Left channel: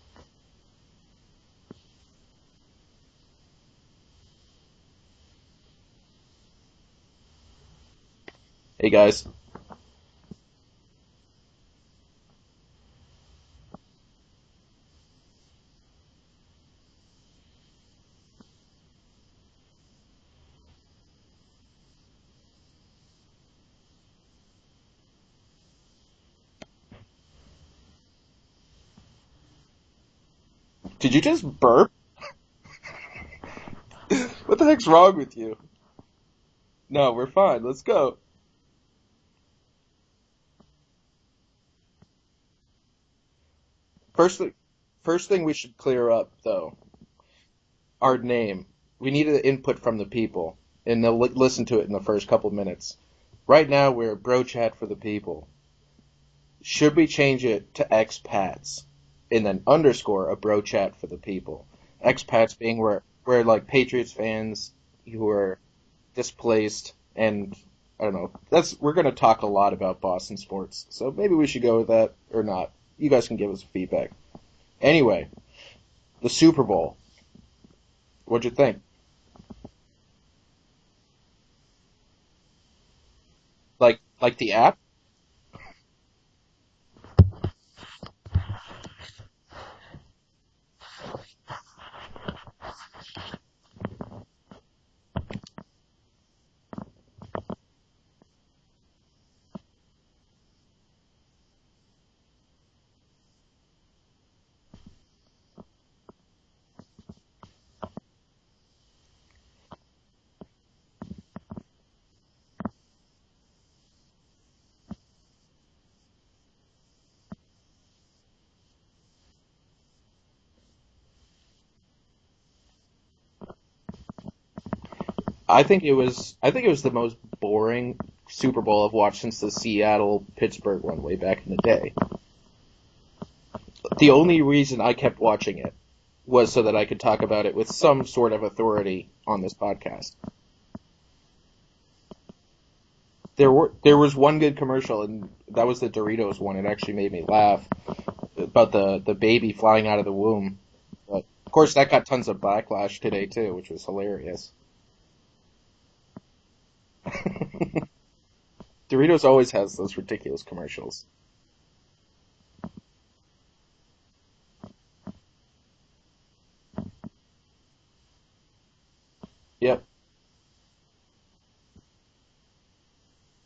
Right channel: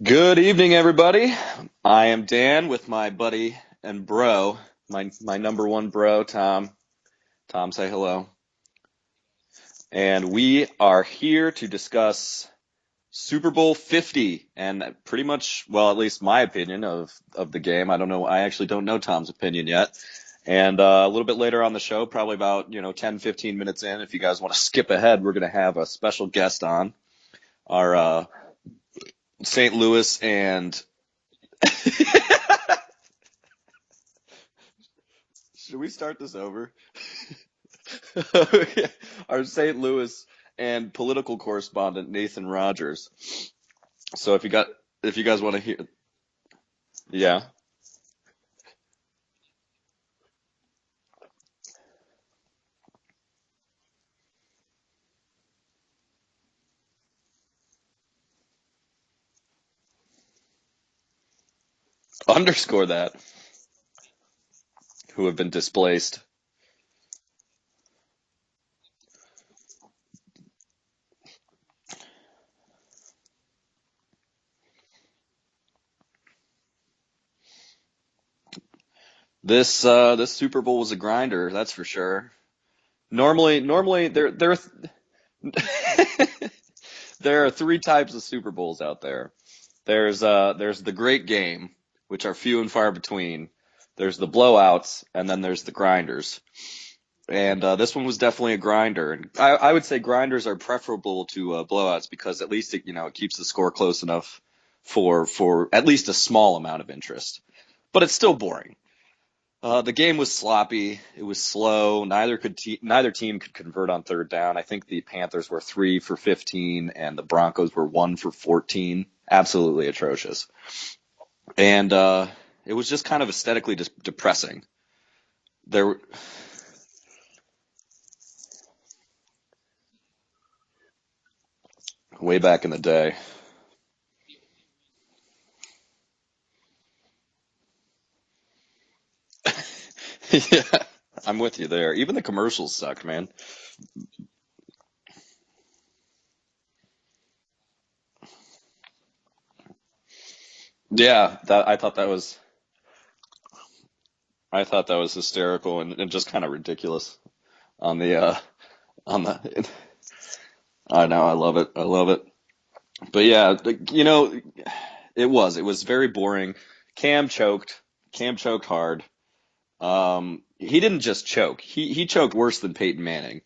Good evening, everybody. I am Dan with my buddy and bro, my number one bro, Tom. Tom, say hello. Hey guys. And we are here to discuss Super Bowl 50 and pretty much, well, at least my opinion of the game. I don't know. I actually don't know Tom's opinion yet. And a little bit later on the show, probably about, 10, 15 minutes in, if you guys want to skip ahead, we're going to have a special guest on, our St. Louis and Did you just burp? What the heck's wrong with you? Should we start this over? No, we're fine. Let's go. Our St. Louis and political correspondent Nathan Rogers. So First, if you first guys thing want we to hear, should clear up though, yeah, our name. We needed input from the people, and they'll listen to it in the first couple minutes. Right now, we're Bro Chat for the People. Should we change it to expats, and then underscore a Bro Chat for the People? Expats underscore being that where like Patriots fans who have been are displaced. and I don't know. We're gonna talk a lot about Boston sports, so maybe we should go with that or not. You guys can give us feedback. Anyway, the Super Bowl. What'd you think? This Super Bowl was a grinder, that's for sure. Normally Like the app? there are three types of Super Bowls out there. There's the great game, which are few and far between. There's the blowouts, and then there's the grinders. And this one was definitely a grinder. And I would say grinders are preferable to blowouts because at least it keeps the score close enough for at least a small amount of interest. But it's still boring. The game was sloppy. It was slow. Neither team could convert on third down. I think the Panthers were 3 for 15, and the Broncos were 1 for 14. Absolutely atrocious. And it was just kind of aesthetically depressing. I think it was the most boring Super Bowl I've watched since the Seattle-Pittsburgh one way back in the day. Way back in the day. The only reason I kept watching it was so that I could talk about it with some sort of authority on the podcast. Yeah, I'm with you there. Even the commercials sucked, man. There was one good commercial, and that was the Doritos one. It actually made me laugh about the baby flying out of the womb. Yeah, Of course, that got tons of backlash today too, which was hilarious. I thought that was hysterical and just kind of ridiculous on the Doritos always has those ridiculous commercials. I know, I love it. But yeah, it was very boring. Cam choked hard. Yep. He didn't just choke. He choked worse than Peyton Manning.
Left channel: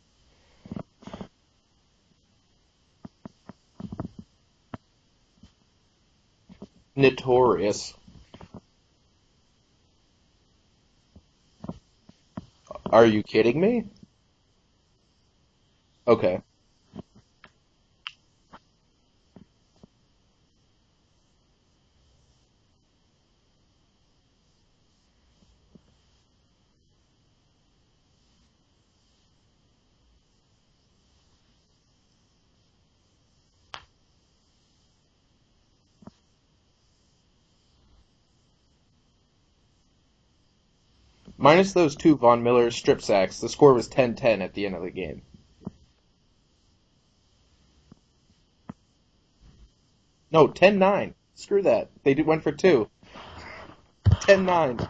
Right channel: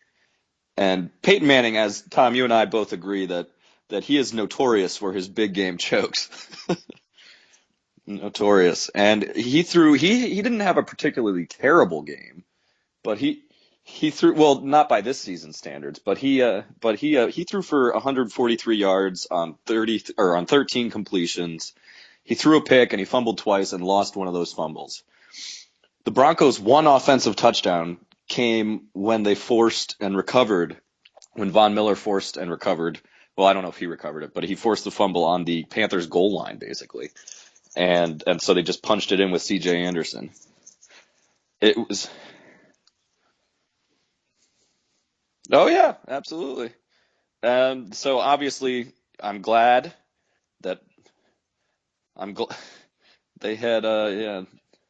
And Peyton Manning, as Tom, you and I both agree that he is notorious for his big game chokes. Notorious. And he didn't have a particularly terrible game. Are you kidding me? He threw, well, not by this season's standards, but okay. he threw for 143 yards on 13 completions. He threw a pick and he fumbled twice and lost one of those fumbles. The Broncos' one offensive touchdown came when they when Von Miller forced and recovered. Well, I don't know if he recovered it, but he forced the fumble on the Panthers' goal line, basically. And so they just punched it in with C.J. Anderson. Minus those two Von Miller strip sacks, the score was 10-10 at the end of the game. Oh, yeah, absolutely. So, obviously, I'm glad. No, 10-9. Screw that. They went for two. They had 10-9.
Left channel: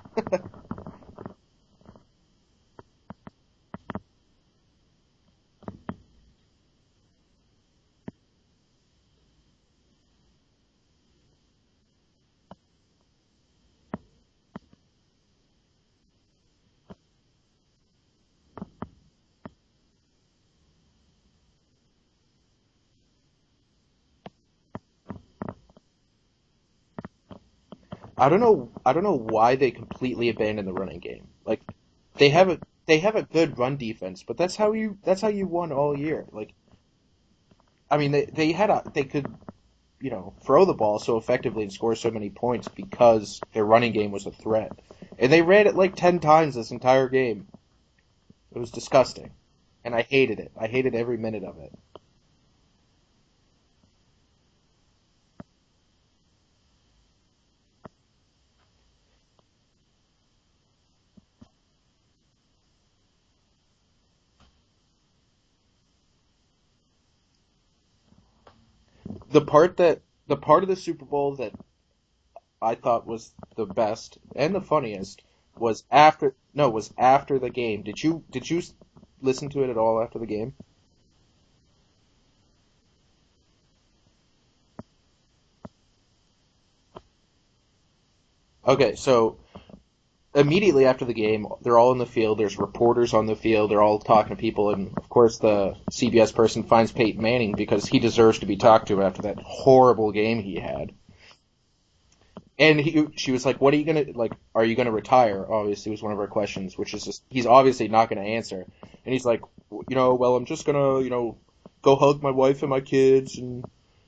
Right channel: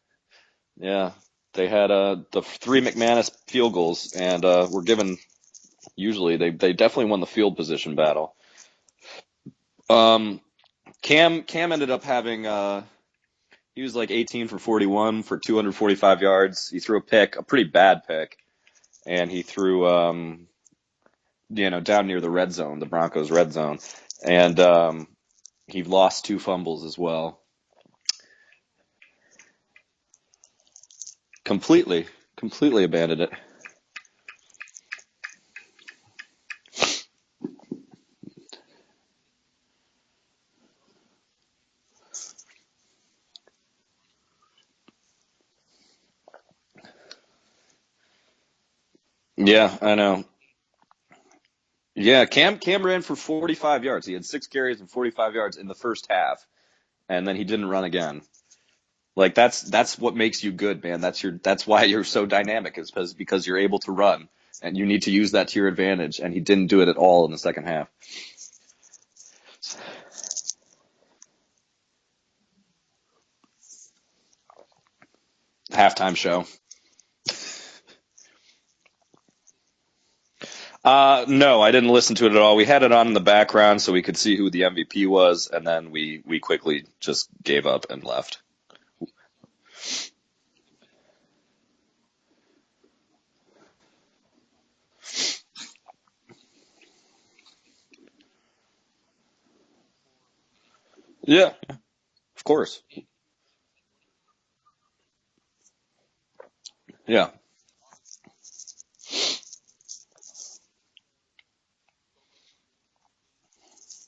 Yeah, they had the three McManus field goals, and were given. Usually, they definitely won the field position battle. Cam ended up having he was like 18 for 41 for 245 yards. He threw a pick, a pretty bad pick, and he threw down near the red zone, the Broncos' red zone, and he lost two fumbles as well. I don't know why they completely abandoned the running game. Completely. They have abandoned a good run defense, but that's how you won all year. Like, I mean, they could, throw the ball so effectively and score so many points because their running game was a threat, and they ran it like 10 times this entire game. It was disgusting. Yeah, I know. I hated it. I hated every minute of it. Yeah, Cam ran for 45 yards. He had 6 carries and 45 yards in the first half, and then he didn't run again. Like that's what makes you good, man. That's why you're so dynamic, is because you're able to run, and you need to use that to your advantage. And he didn't do it at all in the second half. The part of the Super Bowl that I thought was the best and the funniest was Halftime show. was after the game. Did you listen to it at all after the game? No, I didn't listen to it at all. We had it on in the background so we could see who the MVP was, and then we quickly just gave up and left. Okay, so immediately after the game, they're all in the field. There's reporters on the field. They're all talking to people, and of course the CBS person finds Peyton Manning because he deserves to be talked to after that horrible game he had. Yeah, of course. And she was like, "What are you gonna like? Are you gonna retire?" Obviously, was one of her questions, which is Yeah. he's obviously not gonna answer. And he's like, well, I'm just gonna go hug my wife and my kids, and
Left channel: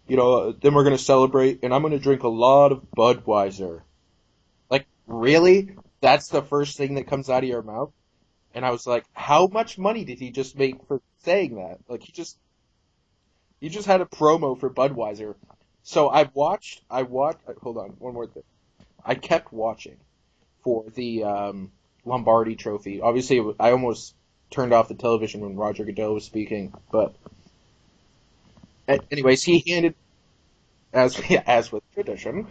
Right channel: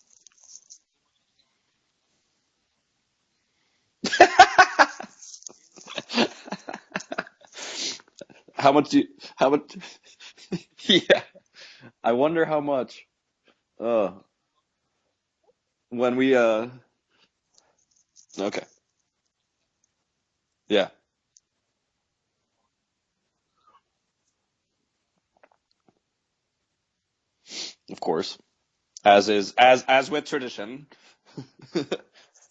then we're gonna celebrate, and I'm gonna drink a lot of Budweiser. Like, really? That's the first thing that comes out of your mouth? And how much money did he just make saying that? Like, I wonder how much. You just had a promo for Budweiser. So I watched. Hold on, one more thing. Okay. I kept watching for the Lombardi Trophy. Obviously, I almost turned off the television when Roger Goodell was speaking, but of course, as with tradition. As with tradition.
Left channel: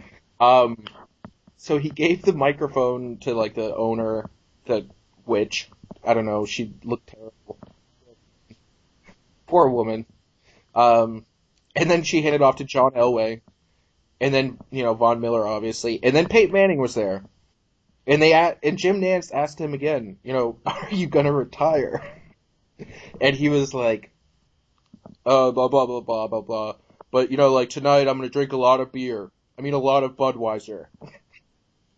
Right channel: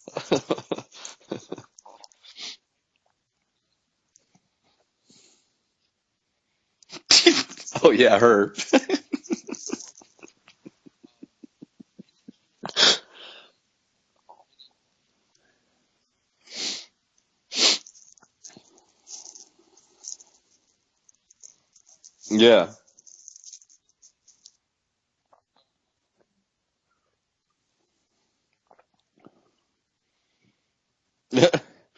So he gave the microphone to like the owner, the witch. I don't know. She looked. Oh yeah, her. Poor woman. And then she handed off to John Elway, and then Von Miller obviously, and then Peyton Manning was there, and Jim Nantz asked him again, are you gonna retire? Yeah. And he was like, blah blah blah blah blah blah, but like tonight I'm gonna drink a lot of beer. I mean a lot of Budweiser.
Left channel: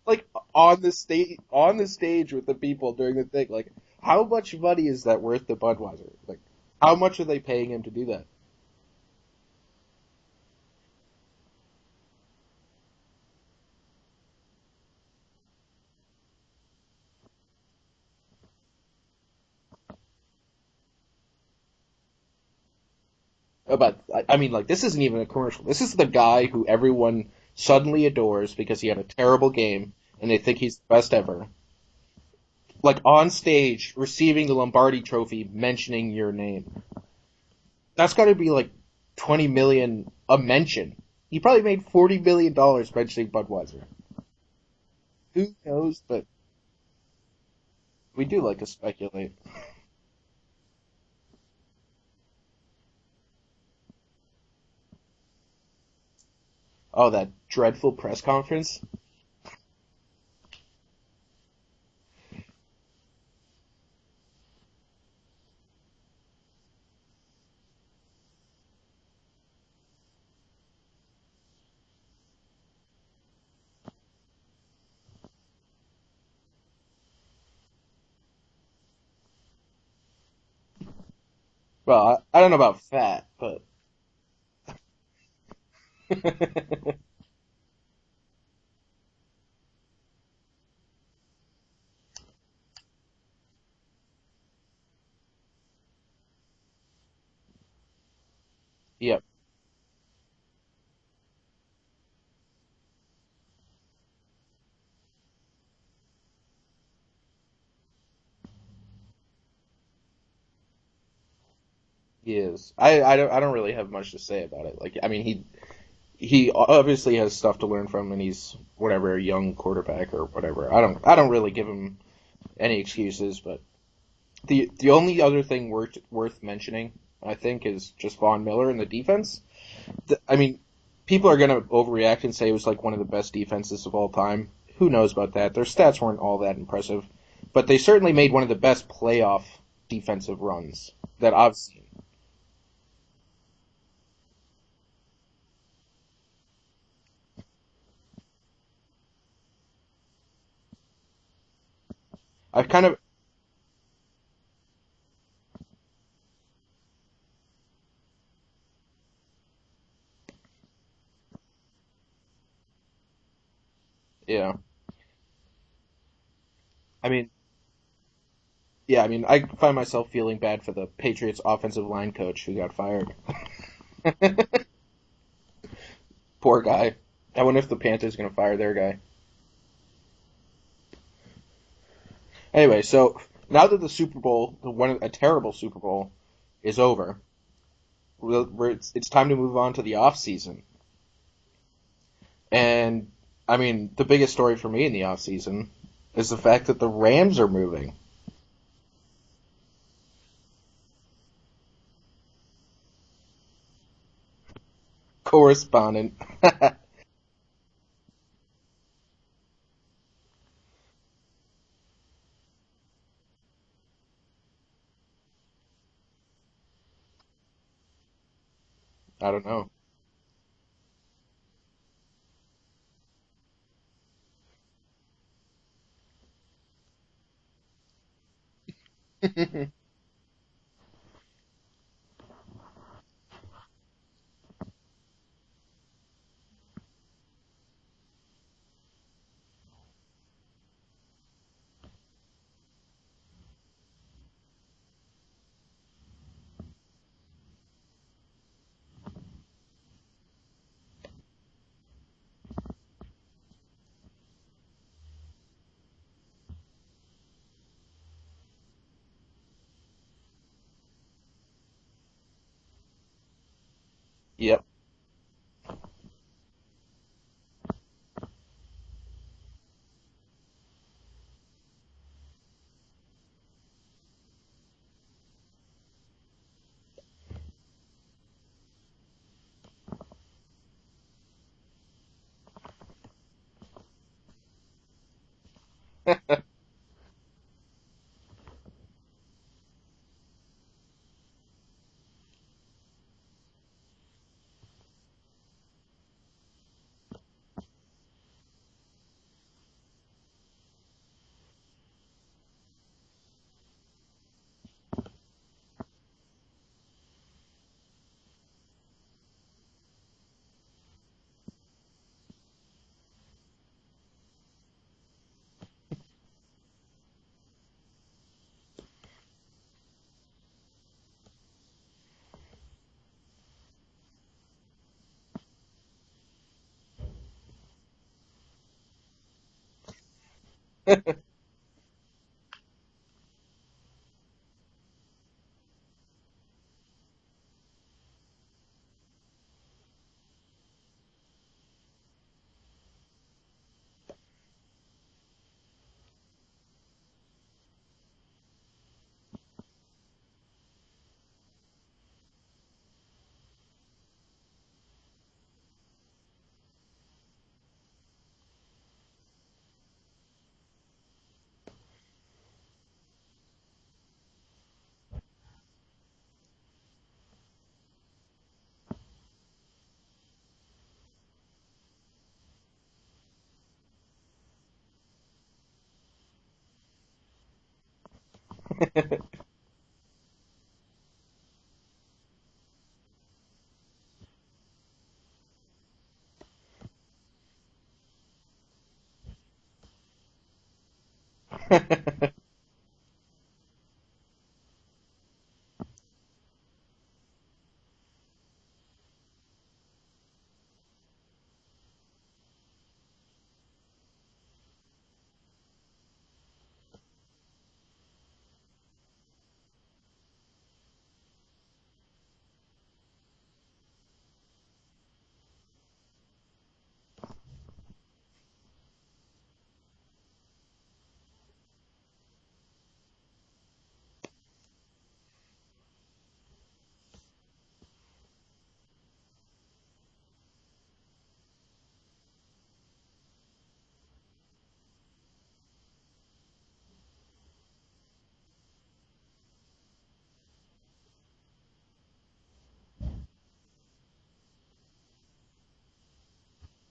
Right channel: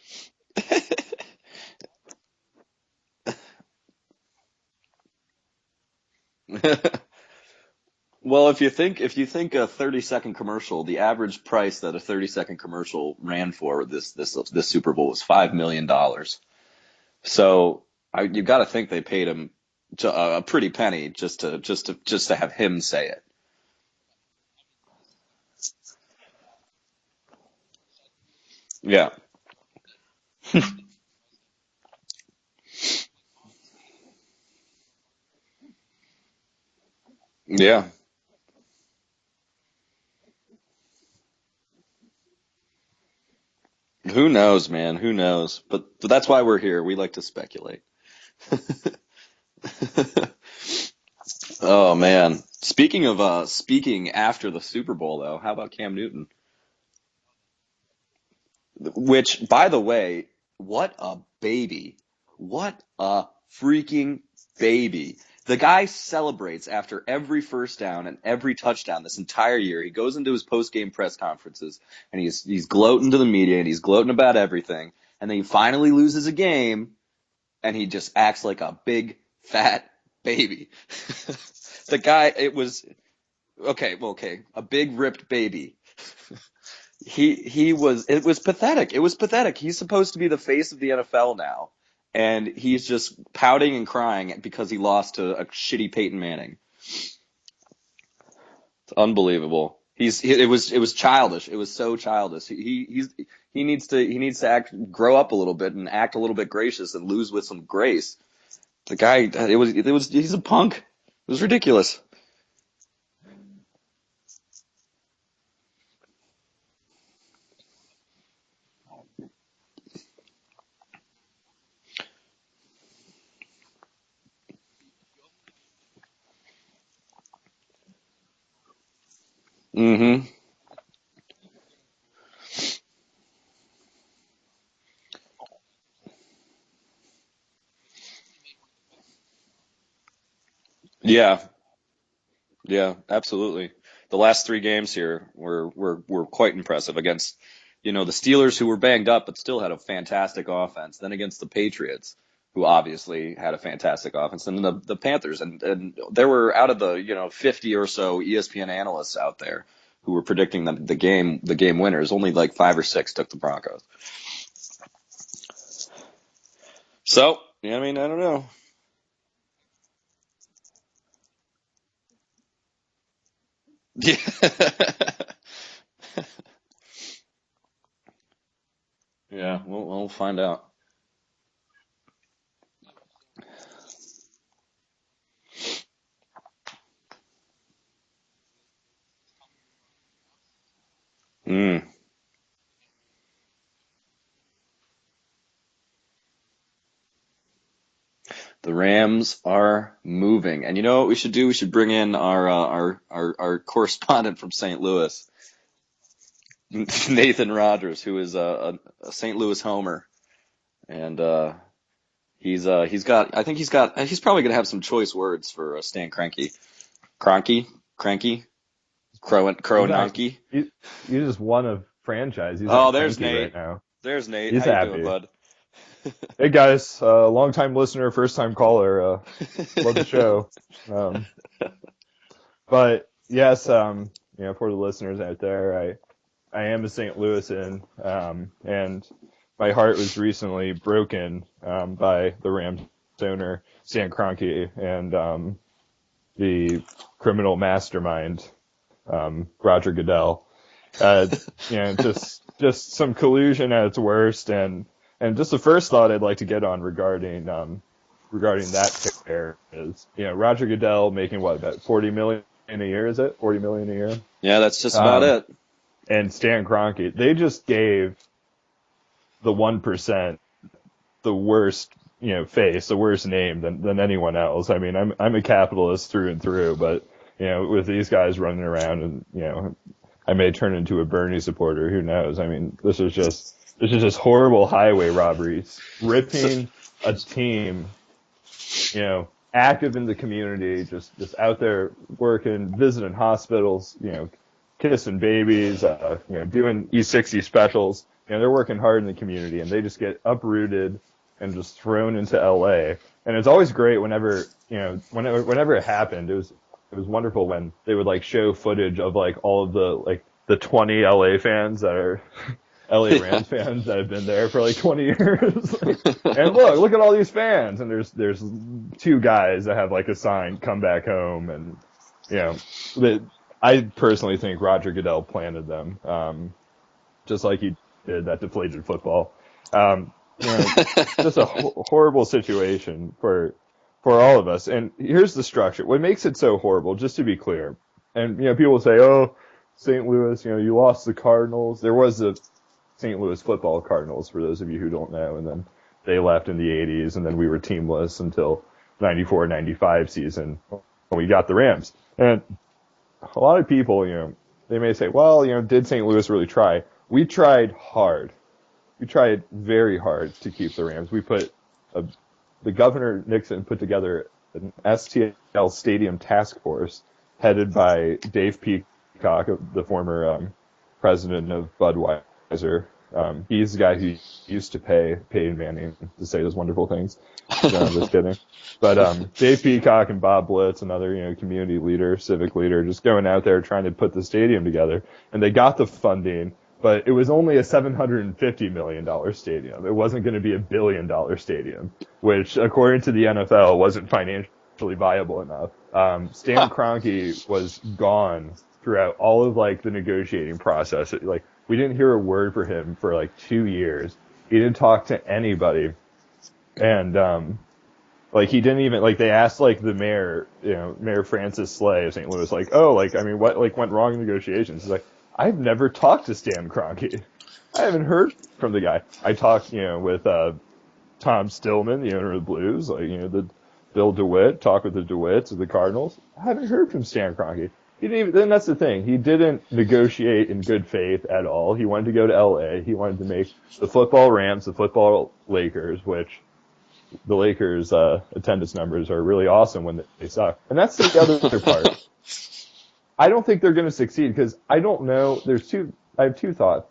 Like on the stage with the people during the thing, like. How much money is that worth to Budweiser? Like, how much are they paying him to do that? Well, if you think a 30-second commercial, the average price that a 30-second commercial ran for this Super Bowl was $5 million. So you got to think they paid him a pretty penny just to have him say it. But I mean, like, this isn't even a commercial. This is the guy who everyone suddenly adores because he had a terrible game and they think he's the best ever. Like, on stage, receiving the Lombardi Trophy, mentioning your name. Yeah. That's got to be, like, $20 million a mention. He probably made $40 million mentioning Budweiser. Who knows, man? Who knows? But that's why we're here. We like to speculate. We do like to speculate. Oh, man. Speaking after the Super Bowl, though, how about Cam Newton? Oh, that dreadful press conference? Which, by the way, what a baby. What a freaking baby. The guy celebrates after every first down and every touchdown this entire year. He goes into his post-game press conferences, and he's gloating to the media, and he's gloating about everything. And then he finally loses a game, and he just acts like a big, fat baby. Well, I don't know about fat, but... Okay. A big, ripped baby. It was pathetic. It was pathetic. He's supposed to be the face of the NFL now. And he's just pouting and crying because he lost to a shitty Peyton Manning. It's unbelievable. It was childish. It was so childish. He needs to grow up a little bit and act a little bit gracious and lose with some grace. The guy, he's a punk. It was ridiculous. He is. I don't really have much to say about it. Like, I mean, he obviously has stuff to learn from, and he's whatever, a young quarterback or whatever. I don't really give him any excuses, but the only other thing worth mentioning, I think, is just Von Miller and the defense. Mm-hmm. I mean, people are gonna overreact and say it was like one of the best defenses of all time. Who knows about that? Their stats weren't all that impressive, but they certainly made one of the best playoff defensive runs that I've seen. Yeah, absolutely. The last 3 games here were quite impressive against, the Steelers, who were banged up but still had a fantastic offense. Then against the Patriots, who obviously had a fantastic offense, and the Panthers, and there were out of the 50 or so ESPN analysts out there who were predicting the game winners. Only like 5 or 6 took the Broncos. Yeah. I don't know. Yeah, I mean, I find myself feeling bad for the Patriots offensive line coach who got fired. Poor guy. I wonder if the Panthers are going to fire their guy. Yeah, we'll find out. Anyway, so now that the Super Bowl, a terrible Super Bowl, is over, it's time to move on to the off season. Mm. And I mean, the biggest story for me in the off season is the fact that the Rams are moving. The Rams are moving, and you know what we should do? We should bring in our correspondent from St. Louis, Correspondent. Nathan Rogers, who is a St. Louis homer, and he's probably gonna have some choice words for Stan Kroenke, Cranky, Kroenke. He just won a franchise. He's there's Nate right now. There's Nate. He's How happy. you doing, bud? Hey guys, long-time listener, first-time caller. Love the show. But yes, for the listeners out there, I am a St. Louisan, and my heart was recently broken by the Rams owner Stan Kroenke and the criminal mastermind Roger Goodell. Just some collusion at its worst, and just the first thought I'd like to get on regarding that pair is, Roger Goodell making what, about $40 million a year, is it? $40 million a year? Yeah, that's just about it. And Stan Kroenke, they just gave the 1% the worst, face, the worst name than anyone else. I mean, I'm a capitalist through and through, but with these guys running around and I may turn into a Bernie supporter. Who knows? I mean, this is just horrible highway robberies, ripping a team, active in the community, just out there working, visiting hospitals, kissing babies, doing E60 specials. They're working hard in the community, and they just get uprooted and just thrown into LA. And it's always great whenever it happened. It was wonderful when they would show footage of all of the 20 LA fans that are LA Rams fans that have been there for 20 years. And look at all these fans. And there's two guys that have a sign, "Come back home." And I personally think Roger Goodell planted them, just like he did that deflated football. Just a horrible situation for all of us. And here's the structure. What makes it so horrible, just to be clear, and people say, "Oh, St. Louis, you lost the Cardinals." There was a St. Louis football Cardinals, for those of you who don't know, and then they left in the 80s, and then we were teamless until 94-95 season when we got the Rams. And a lot of people, they may say, well, did St. Louis really try? We tried hard. We tried very hard to keep the Rams. The Governor Nixon put together an STL Stadium task force headed by Dave Peacock, the former president of Budweiser. He's the guy who used to pay Peyton Manning to say those wonderful things. No, I'm just kidding. But Dave Peacock and Bob Blitz, another community leader, civic leader, just going out there trying to put the stadium together. And they got the funding, but it was only a $750 million stadium. It wasn't going to be $1 billion stadium, which, according to the NFL, wasn't financially viable enough. Stan Kroenke was gone throughout all of the negotiating process. We didn't hear a word for him for 2 years. He didn't talk to anybody. And he didn't even they asked the mayor, Mayor Francis Slay of St. Louis, what went wrong in negotiations? He's like, I've never talked to Stan Kroenke. I haven't heard from the guy. I talked, with Tom Stillman, the owner of the Blues, the Bill DeWitt, talked with the DeWitts of the Cardinals. I haven't heard from Stan Kroenke. He didn't even, then that's the thing. He didn't negotiate in good faith at all. He wanted to go to LA. He wanted to make the football Rams, the football Lakers, which the Lakers attendance numbers are really awesome when they suck. And that's the other part. I don't think they're going to succeed because I don't know. I have two thoughts.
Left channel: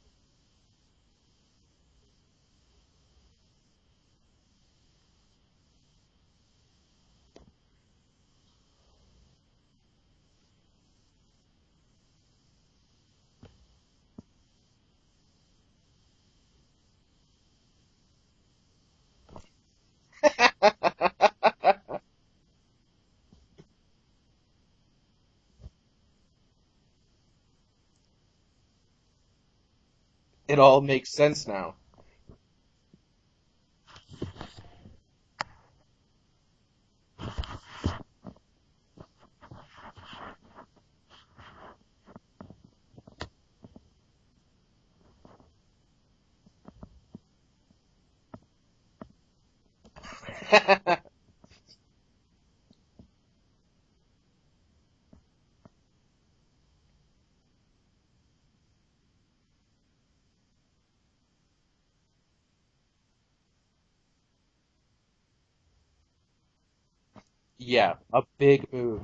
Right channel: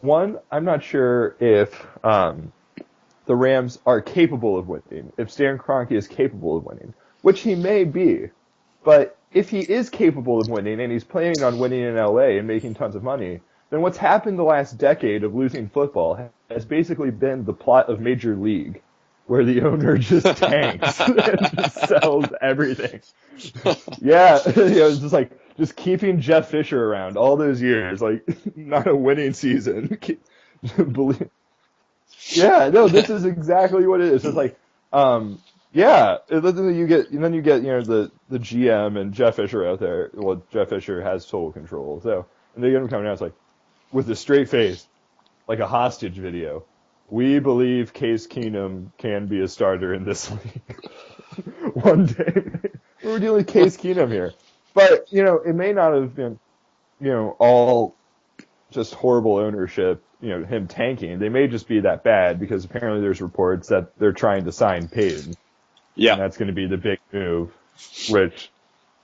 One, I'm not sure if the Rams are capable of winning, if Stan Kroenke is capable of winning, which he may be. But if he is capable of winning and he's planning on winning in LA and making tons of money, then what's happened the last decade of losing football has basically been the plot of Major League, where the owner just tanks and just sells everything. Yeah, it's just keeping Jeff Fisher around all those years, not a winning season. It all makes sense now. Yeah, no, this is exactly what it is. It's Yeah, and then you get the GM and Jeff Fisher out there. Well, Jeff Fisher has total control, so and they get him coming out. It's like with a straight face, like a hostage video. We believe Case Keenum can be a starter in this one day. We're dealing with Case Keenum here, but it may not have been all just horrible ownership. Him tanking. They may just be that bad because apparently there's reports that they're trying to sign Payton. Yeah, And that's going to be the big move. Yeah, which, big move.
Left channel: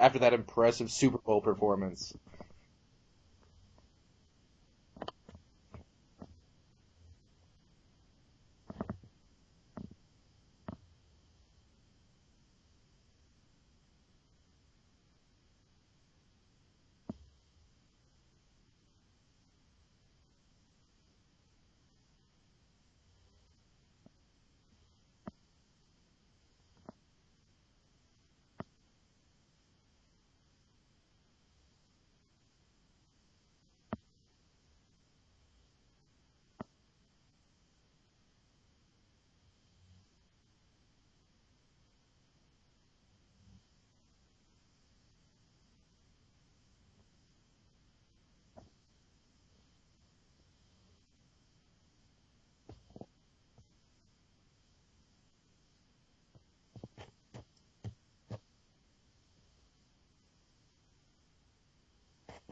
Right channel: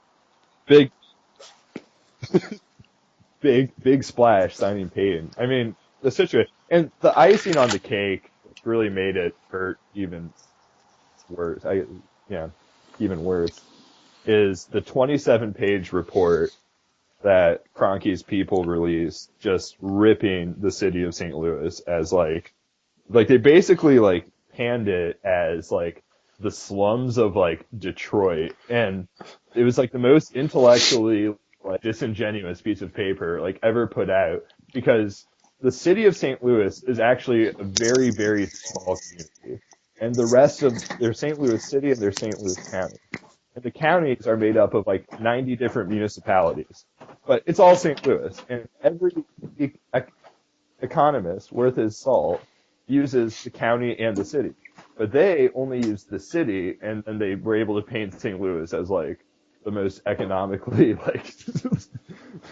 After that impressive Super Bowl performance. big splash signing Payton. I mean, the situation and the icing on the cake really made it hurt even worse. Even worse is the 27-page report that Kroenke's people released, just ripping the city of St. Louis as like they basically panned it as the slums of Detroit, and it was the most intellectually disingenuous piece of paper ever put out, because the city of St. Louis is actually a very, very small community, and the rest of their St. Louis city and their St. Louis county, and the counties are made up of 90 different municipalities, but it's all St. Louis, and every economist worth his salt uses the county and the city. But they only used the city, and then they were able to paint St. Louis as the most economically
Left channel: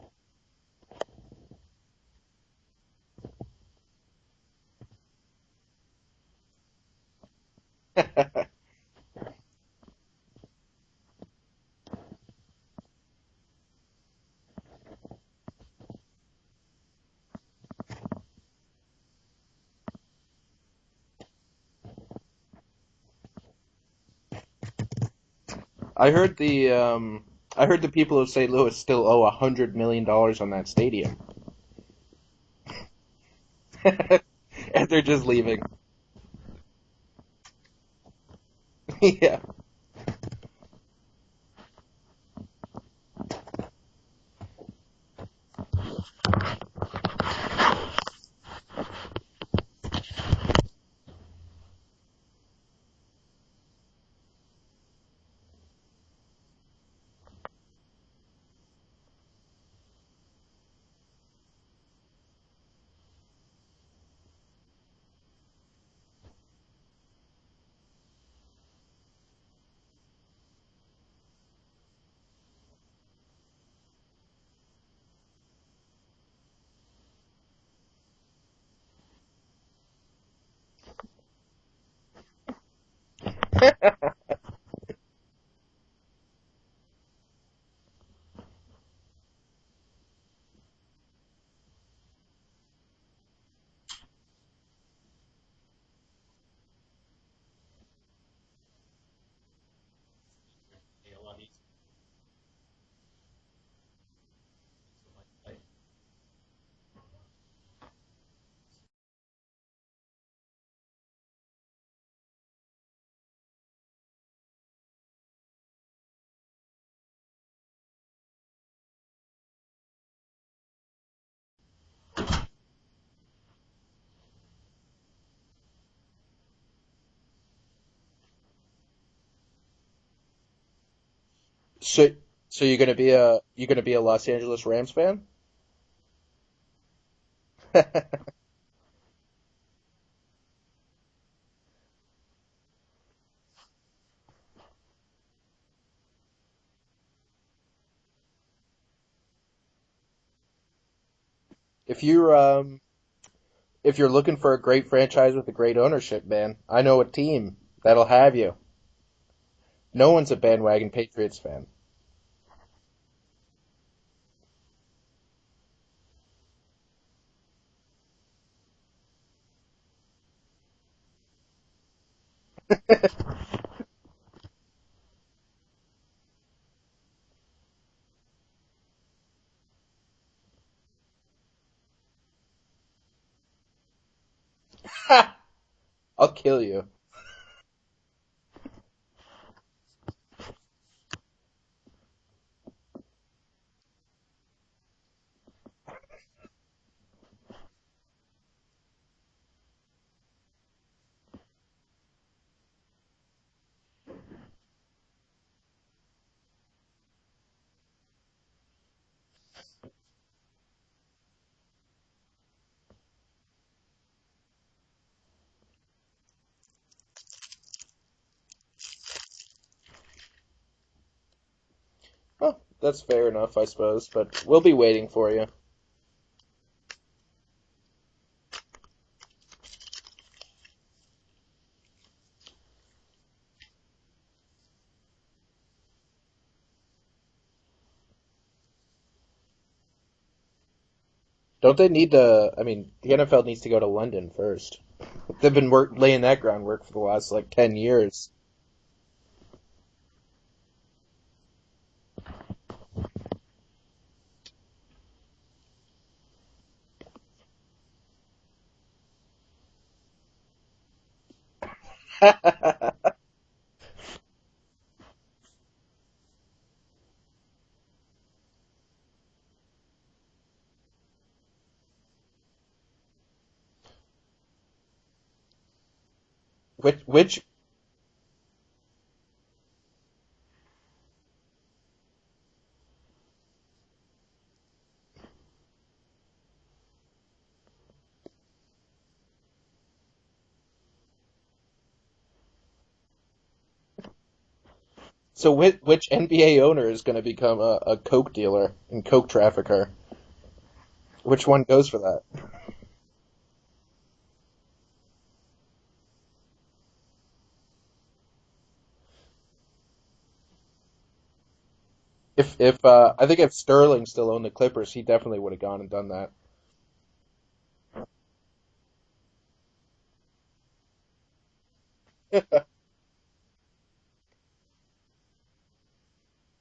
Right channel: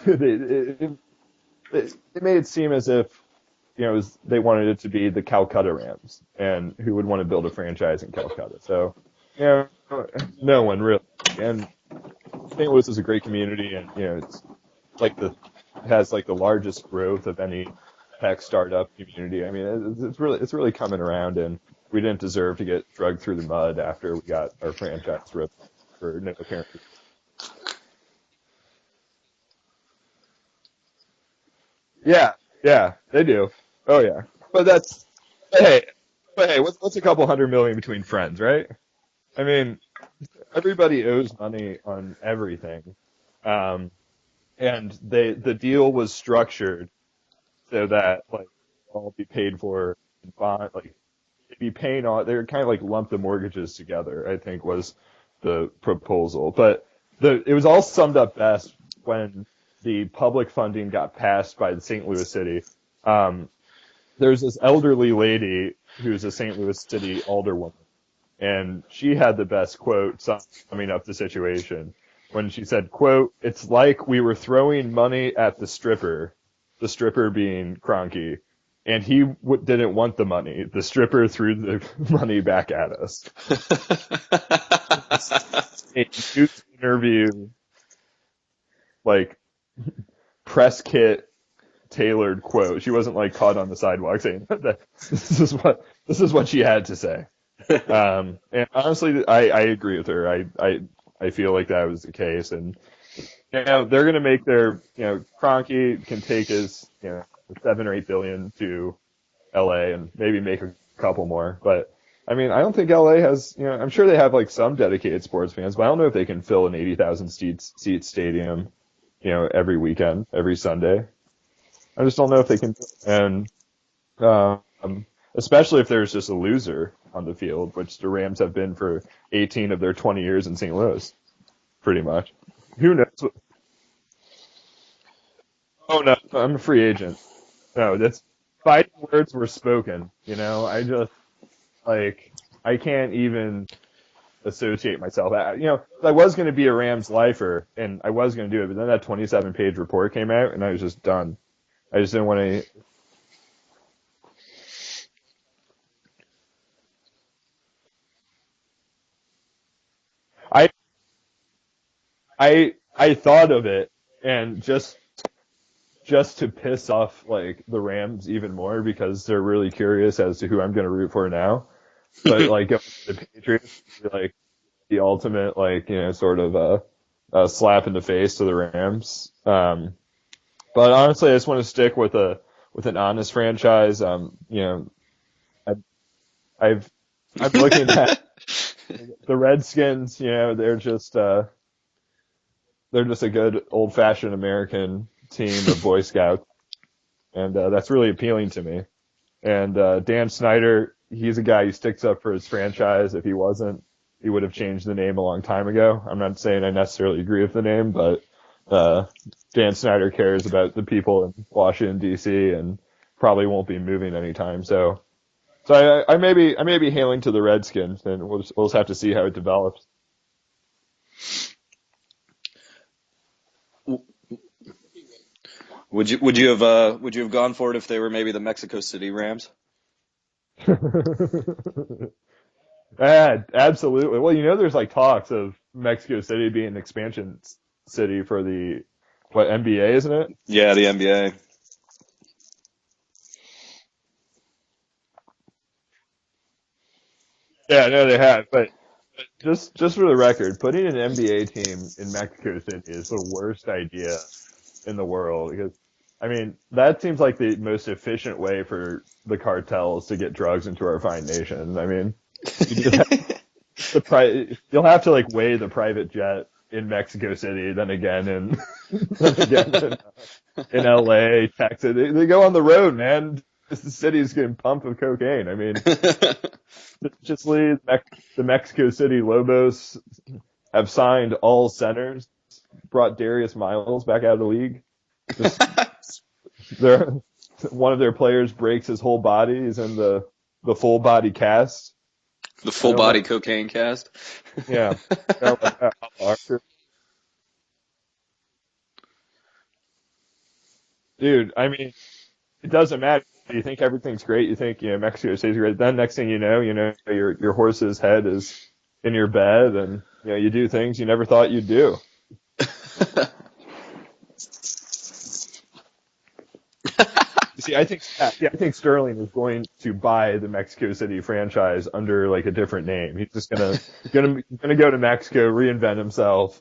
it made it seem as if they wanted it to be the Calcutta Rams, and who would want to build a franchise in Calcutta. So no one really. And St. Louis is a great community, and it's has the largest growth of any tech startup community. I mean, it's really coming around, and we didn't deserve to get dragged through the mud after we got our franchise ripped. I heard the people of St. Louis still owe $100 million on that stadium. Yeah, they do. Oh yeah, but they're just leaving. Hey, what's a couple $100 million between friends, right? Yeah. I mean, everybody owes money on everything, and the deal was structured so that all be paid for, be paying on. They were kind of lump the mortgages together, I think was the proposal. But it was all summed up best when the public funding got passed by the St. Louis City. There's this elderly lady who's a St. Louis City alderwoman, and she had the best quote summing up the situation when she said, quote, "It's like we were throwing money at the stripper being Kroenke, and he didn't want the money. The stripper threw the money back at us." A news interview, press kit tailored quote. She wasn't caught on the sidewalk saying that this is what she had to say. And honestly, I agree with her. I feel like that was the case, and they're going to make their Kroenke can take his 7 or 8 billion to LA and maybe make a couple more. But I mean, I don't think LA has, I'm sure they have some dedicated sports fans, but I don't know if they can fill an 80,000 seat stadium, every weekend, every Sunday. I just don't know if they can. And especially if there's just a loser on the field, which the Rams have been for 18 of their 20 years in St. Louis, pretty much. So you're gonna be a Los Angeles Rams fan? Oh no, I'm a free agent. No, that's fighting words were spoken. I just I can't even associate myself. I was going to be a Rams lifer, and I was going to do it, but then that 27-page report came out, and I was just done. If you're looking for a great franchise with a great ownership, man, I know a team that'll have you. No one's a bandwagon Patriots fan. I thought of it, and just to piss off the Rams even more, because they're really curious as to who I'm going to root for now. But the Patriots, the ultimate sort of a slap in the face to the Rams. But honestly, I just want to stick with an honest franchise. I'll kill you. I'm looking at the Redskins. They're just a good old-fashioned American team of Boy Scouts, and that's really appealing to me. And Dan Snyder, he's a guy who sticks up for his franchise. If he wasn't, he would have changed the name a long time ago. I'm not saying I necessarily agree with the name, but Dan Snyder cares about the people in Washington D.C. and probably won't be moving anytime. So I may be hailing to the Redskins, and we'll just have to see how it develops. Well, that's fair enough, I suppose. But we'll be waiting for you. Would you have gone for it if they were maybe the Mexico City Rams? Absolutely. Well, there's like talks of Mexico City being an expansion city for the NBA, isn't it? Yeah, the NBA. Don't they need to? I mean, the NFL needs to go to London first. They've been laying that groundwork for the last 10 years. Yeah, no, they have. But just for the record, putting an NBA team in Mexico City is the worst idea in the world because, I mean, that seems like the most efficient way for the cartels to get drugs into our fine nation. I mean, you'll have to weigh the private jet in Mexico City, then again in in LA, Texas. They go on the road, man. The city's getting pumped with cocaine. I mean, the Mexico City Lobos have signed all centers, brought Darius Miles back out of the league. One of their players breaks his whole body. He's in the full body cast. The full body cocaine cast. Yeah. So which NBA owner is going to become a coke dealer and coke trafficker? Dude, which one goes for that? It doesn't matter. You think everything's great. You think Mexico City's great. Then next thing you know, your horse's head is in your bed, and you do things you never thought you'd do. I think if Sterling still owned the Clippers, he definitely would have gone and done that. See, I think Sterling is going to buy the Mexico City franchise under a different name. He's just gonna go to Mexico, reinvent himself.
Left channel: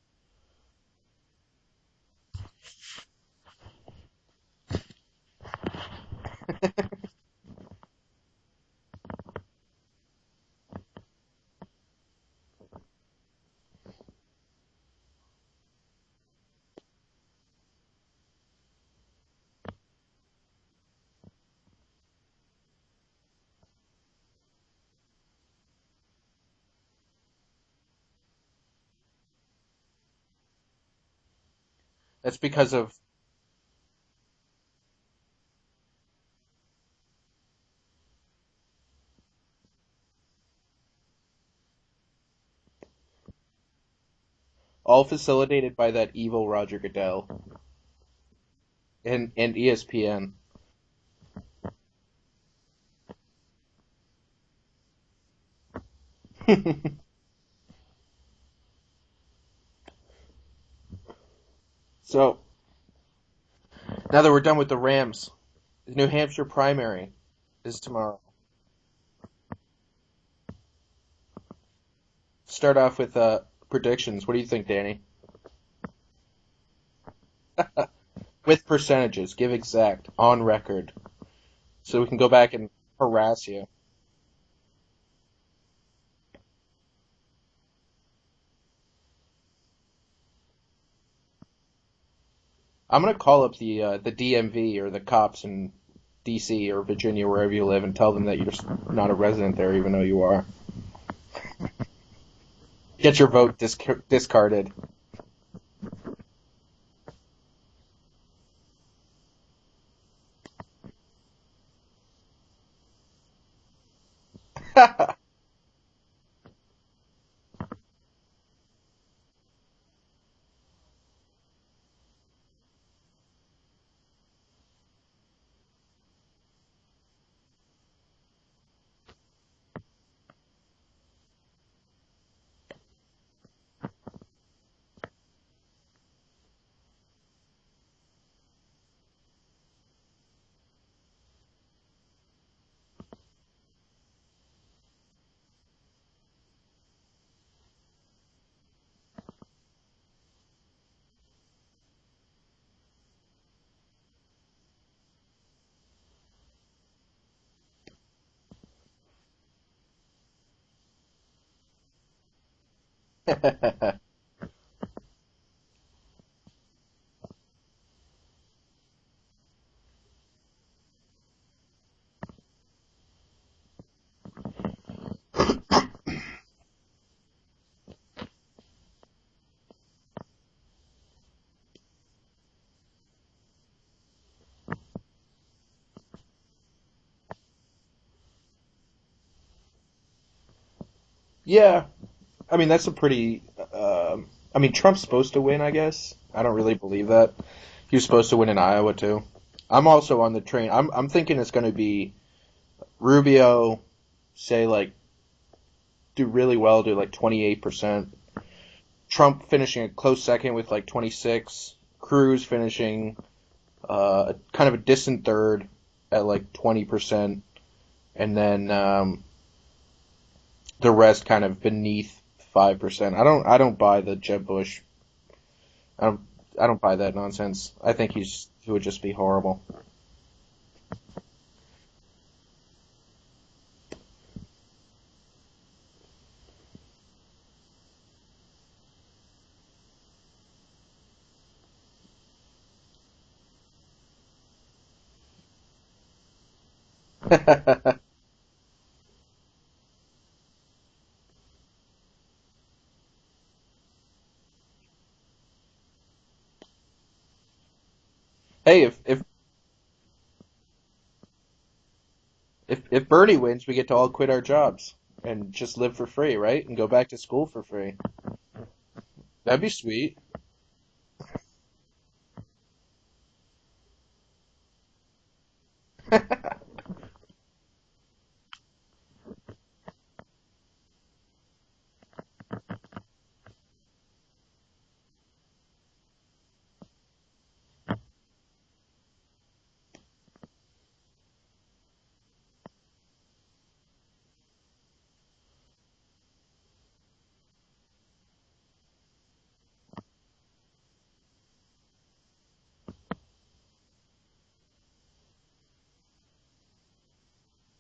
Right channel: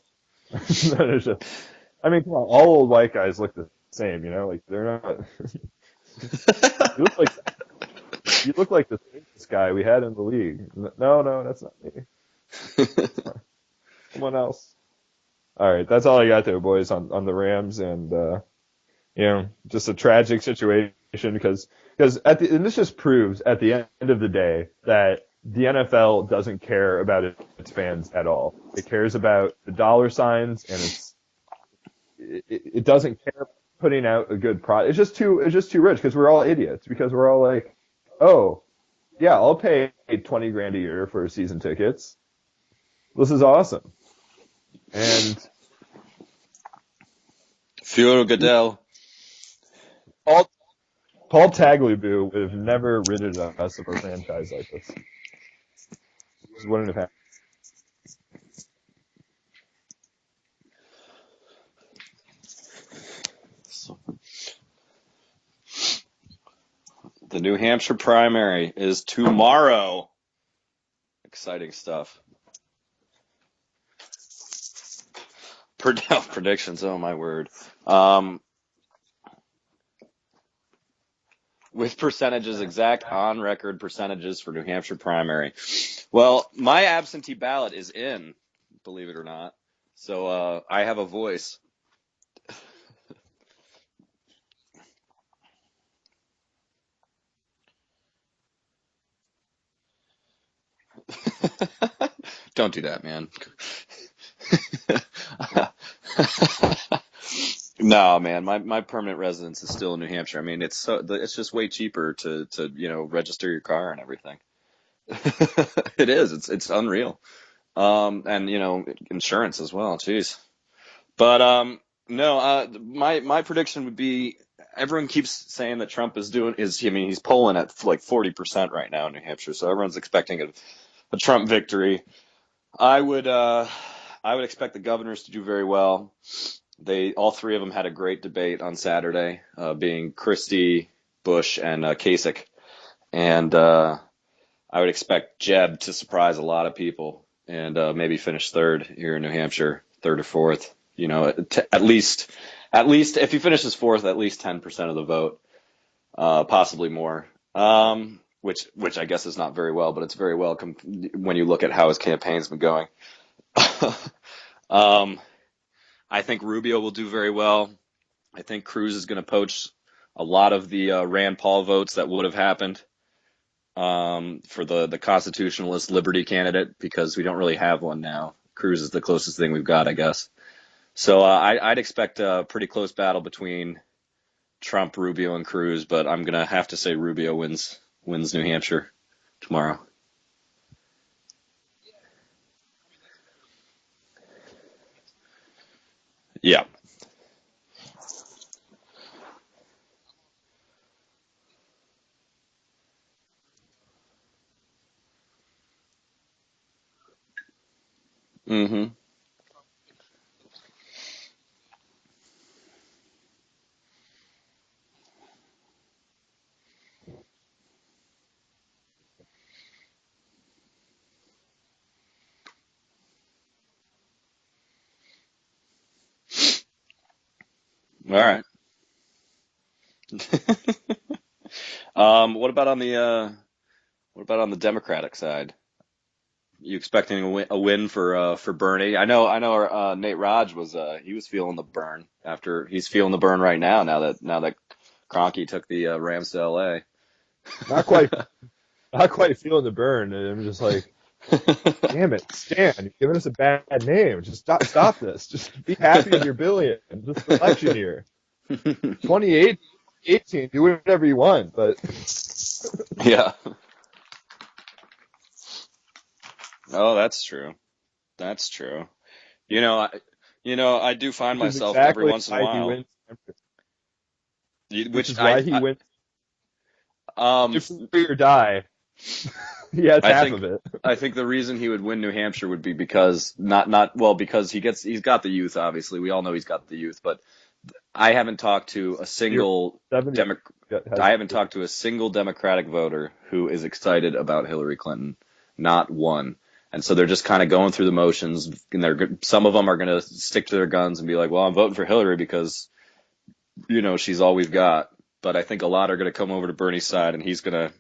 I mean, come on, all old white guys look the same, they're not. You look like this guy we had in the league. No, that's not me. Someone else. All right, that's all I got there, boys, on the Rams, and just a tragic situation because and this just proves at the end of the day that the NFL doesn't care about its fans at all. It cares about the dollar signs, and it doesn't care about putting out a good product. It's just too rich because we're all idiots because we're all like, oh, yeah, I'll pay $20,000 a year for season tickets. This is awesome. All facilitated by that evil Roger Goodell. Fiora Goodell. And ESPN. Paul Tagliabue would have never rid us of a franchise like this. Just wouldn't have happened. So, now that we're done with the Rams, New Hampshire primary. The New Hampshire primary is tomorrow. Exciting stuff. Start off with predictions. What do you think, Danny? Predictions, oh my word. With percentages, give exact, on record. With percentages, exact on record percentages for New Hampshire primary. Well, my absentee ballot is in, believe it or not. So I have a voice. I'm going to call up the DMV or the cops in D.C. or Virginia, wherever you live, and tell them that you're not a resident there, even though you are. Don't do that. Get your vote discarded. No, man, my permanent residence is still in New Hampshire. I mean, it's just way cheaper to register your car and everything. It is. It's unreal. And insurance as well. Jeez. But no, my prediction would be everyone keeps saying that Trump he's polling at 40% right now in New Hampshire, so everyone's expecting a Trump victory. I would expect the governors to do very well. All three of them had a great debate on Saturday, being Christie, Bush, and Kasich. And I would expect Jeb to surprise a lot of people and maybe finish third here in New Hampshire, third or fourth. At least if he finishes fourth, at least 10% of the vote, possibly more. Which I guess is not very well, but it's very well when you look at how his campaign's been going. I think Rubio will do very well. I think Cruz is going to poach a lot of the Rand Paul votes that would have happened for the constitutionalist liberty candidate, because we don't really have one now. Cruz is the closest thing we've got, I guess. So I'd expect a pretty close battle between Trump, Rubio, and Cruz, but I'm gonna have to say Rubio wins New Hampshire tomorrow. Yeah, I mean that's a pretty. I mean Trump's supposed to win, I guess. I don't really believe that. He was supposed to win in Iowa too. I'm also on the train. I'm thinking it's going to be Rubio, say like do really well, do like 28%. Mm-hmm. Trump finishing a close second with like 26. Cruz finishing kind of a distant third at like 20%, and then the rest kind of beneath 5%. I don't buy the Jeb Bush. I don't buy that nonsense. I think he would just be horrible. What about on the Democratic side? You expecting a win for Bernie? I know. Nate Raj was feeling the burn after he's feeling the burn right now. Now that Kroenke took the Rams to LA. Not quite feeling the burn. I'm just like, damn it, Stan, you're giving us a bad name. Just stop this. Just be happy in your billion. Just election year. Hey, if 2018, do whatever you want, but if Bernie wins, we get to all quit our jobs and just live for free, right? And go back to school for free. That's true. That'd be sweet. I do find myself every once in a while. Which is why he wins. If free or die. He has half of it. I think the reason he would win New Hampshire would be because because he's got the youth. Obviously, we all know he's got the youth. But I haven't talked to a single Democratic voter who is excited about Hillary Clinton. Not one. And so they're just kind of going through the motions. And some of them are going to stick to their guns and be like, "Well, I'm voting for Hillary because she's all we've got." But I think a lot are going to come over to Bernie's side, and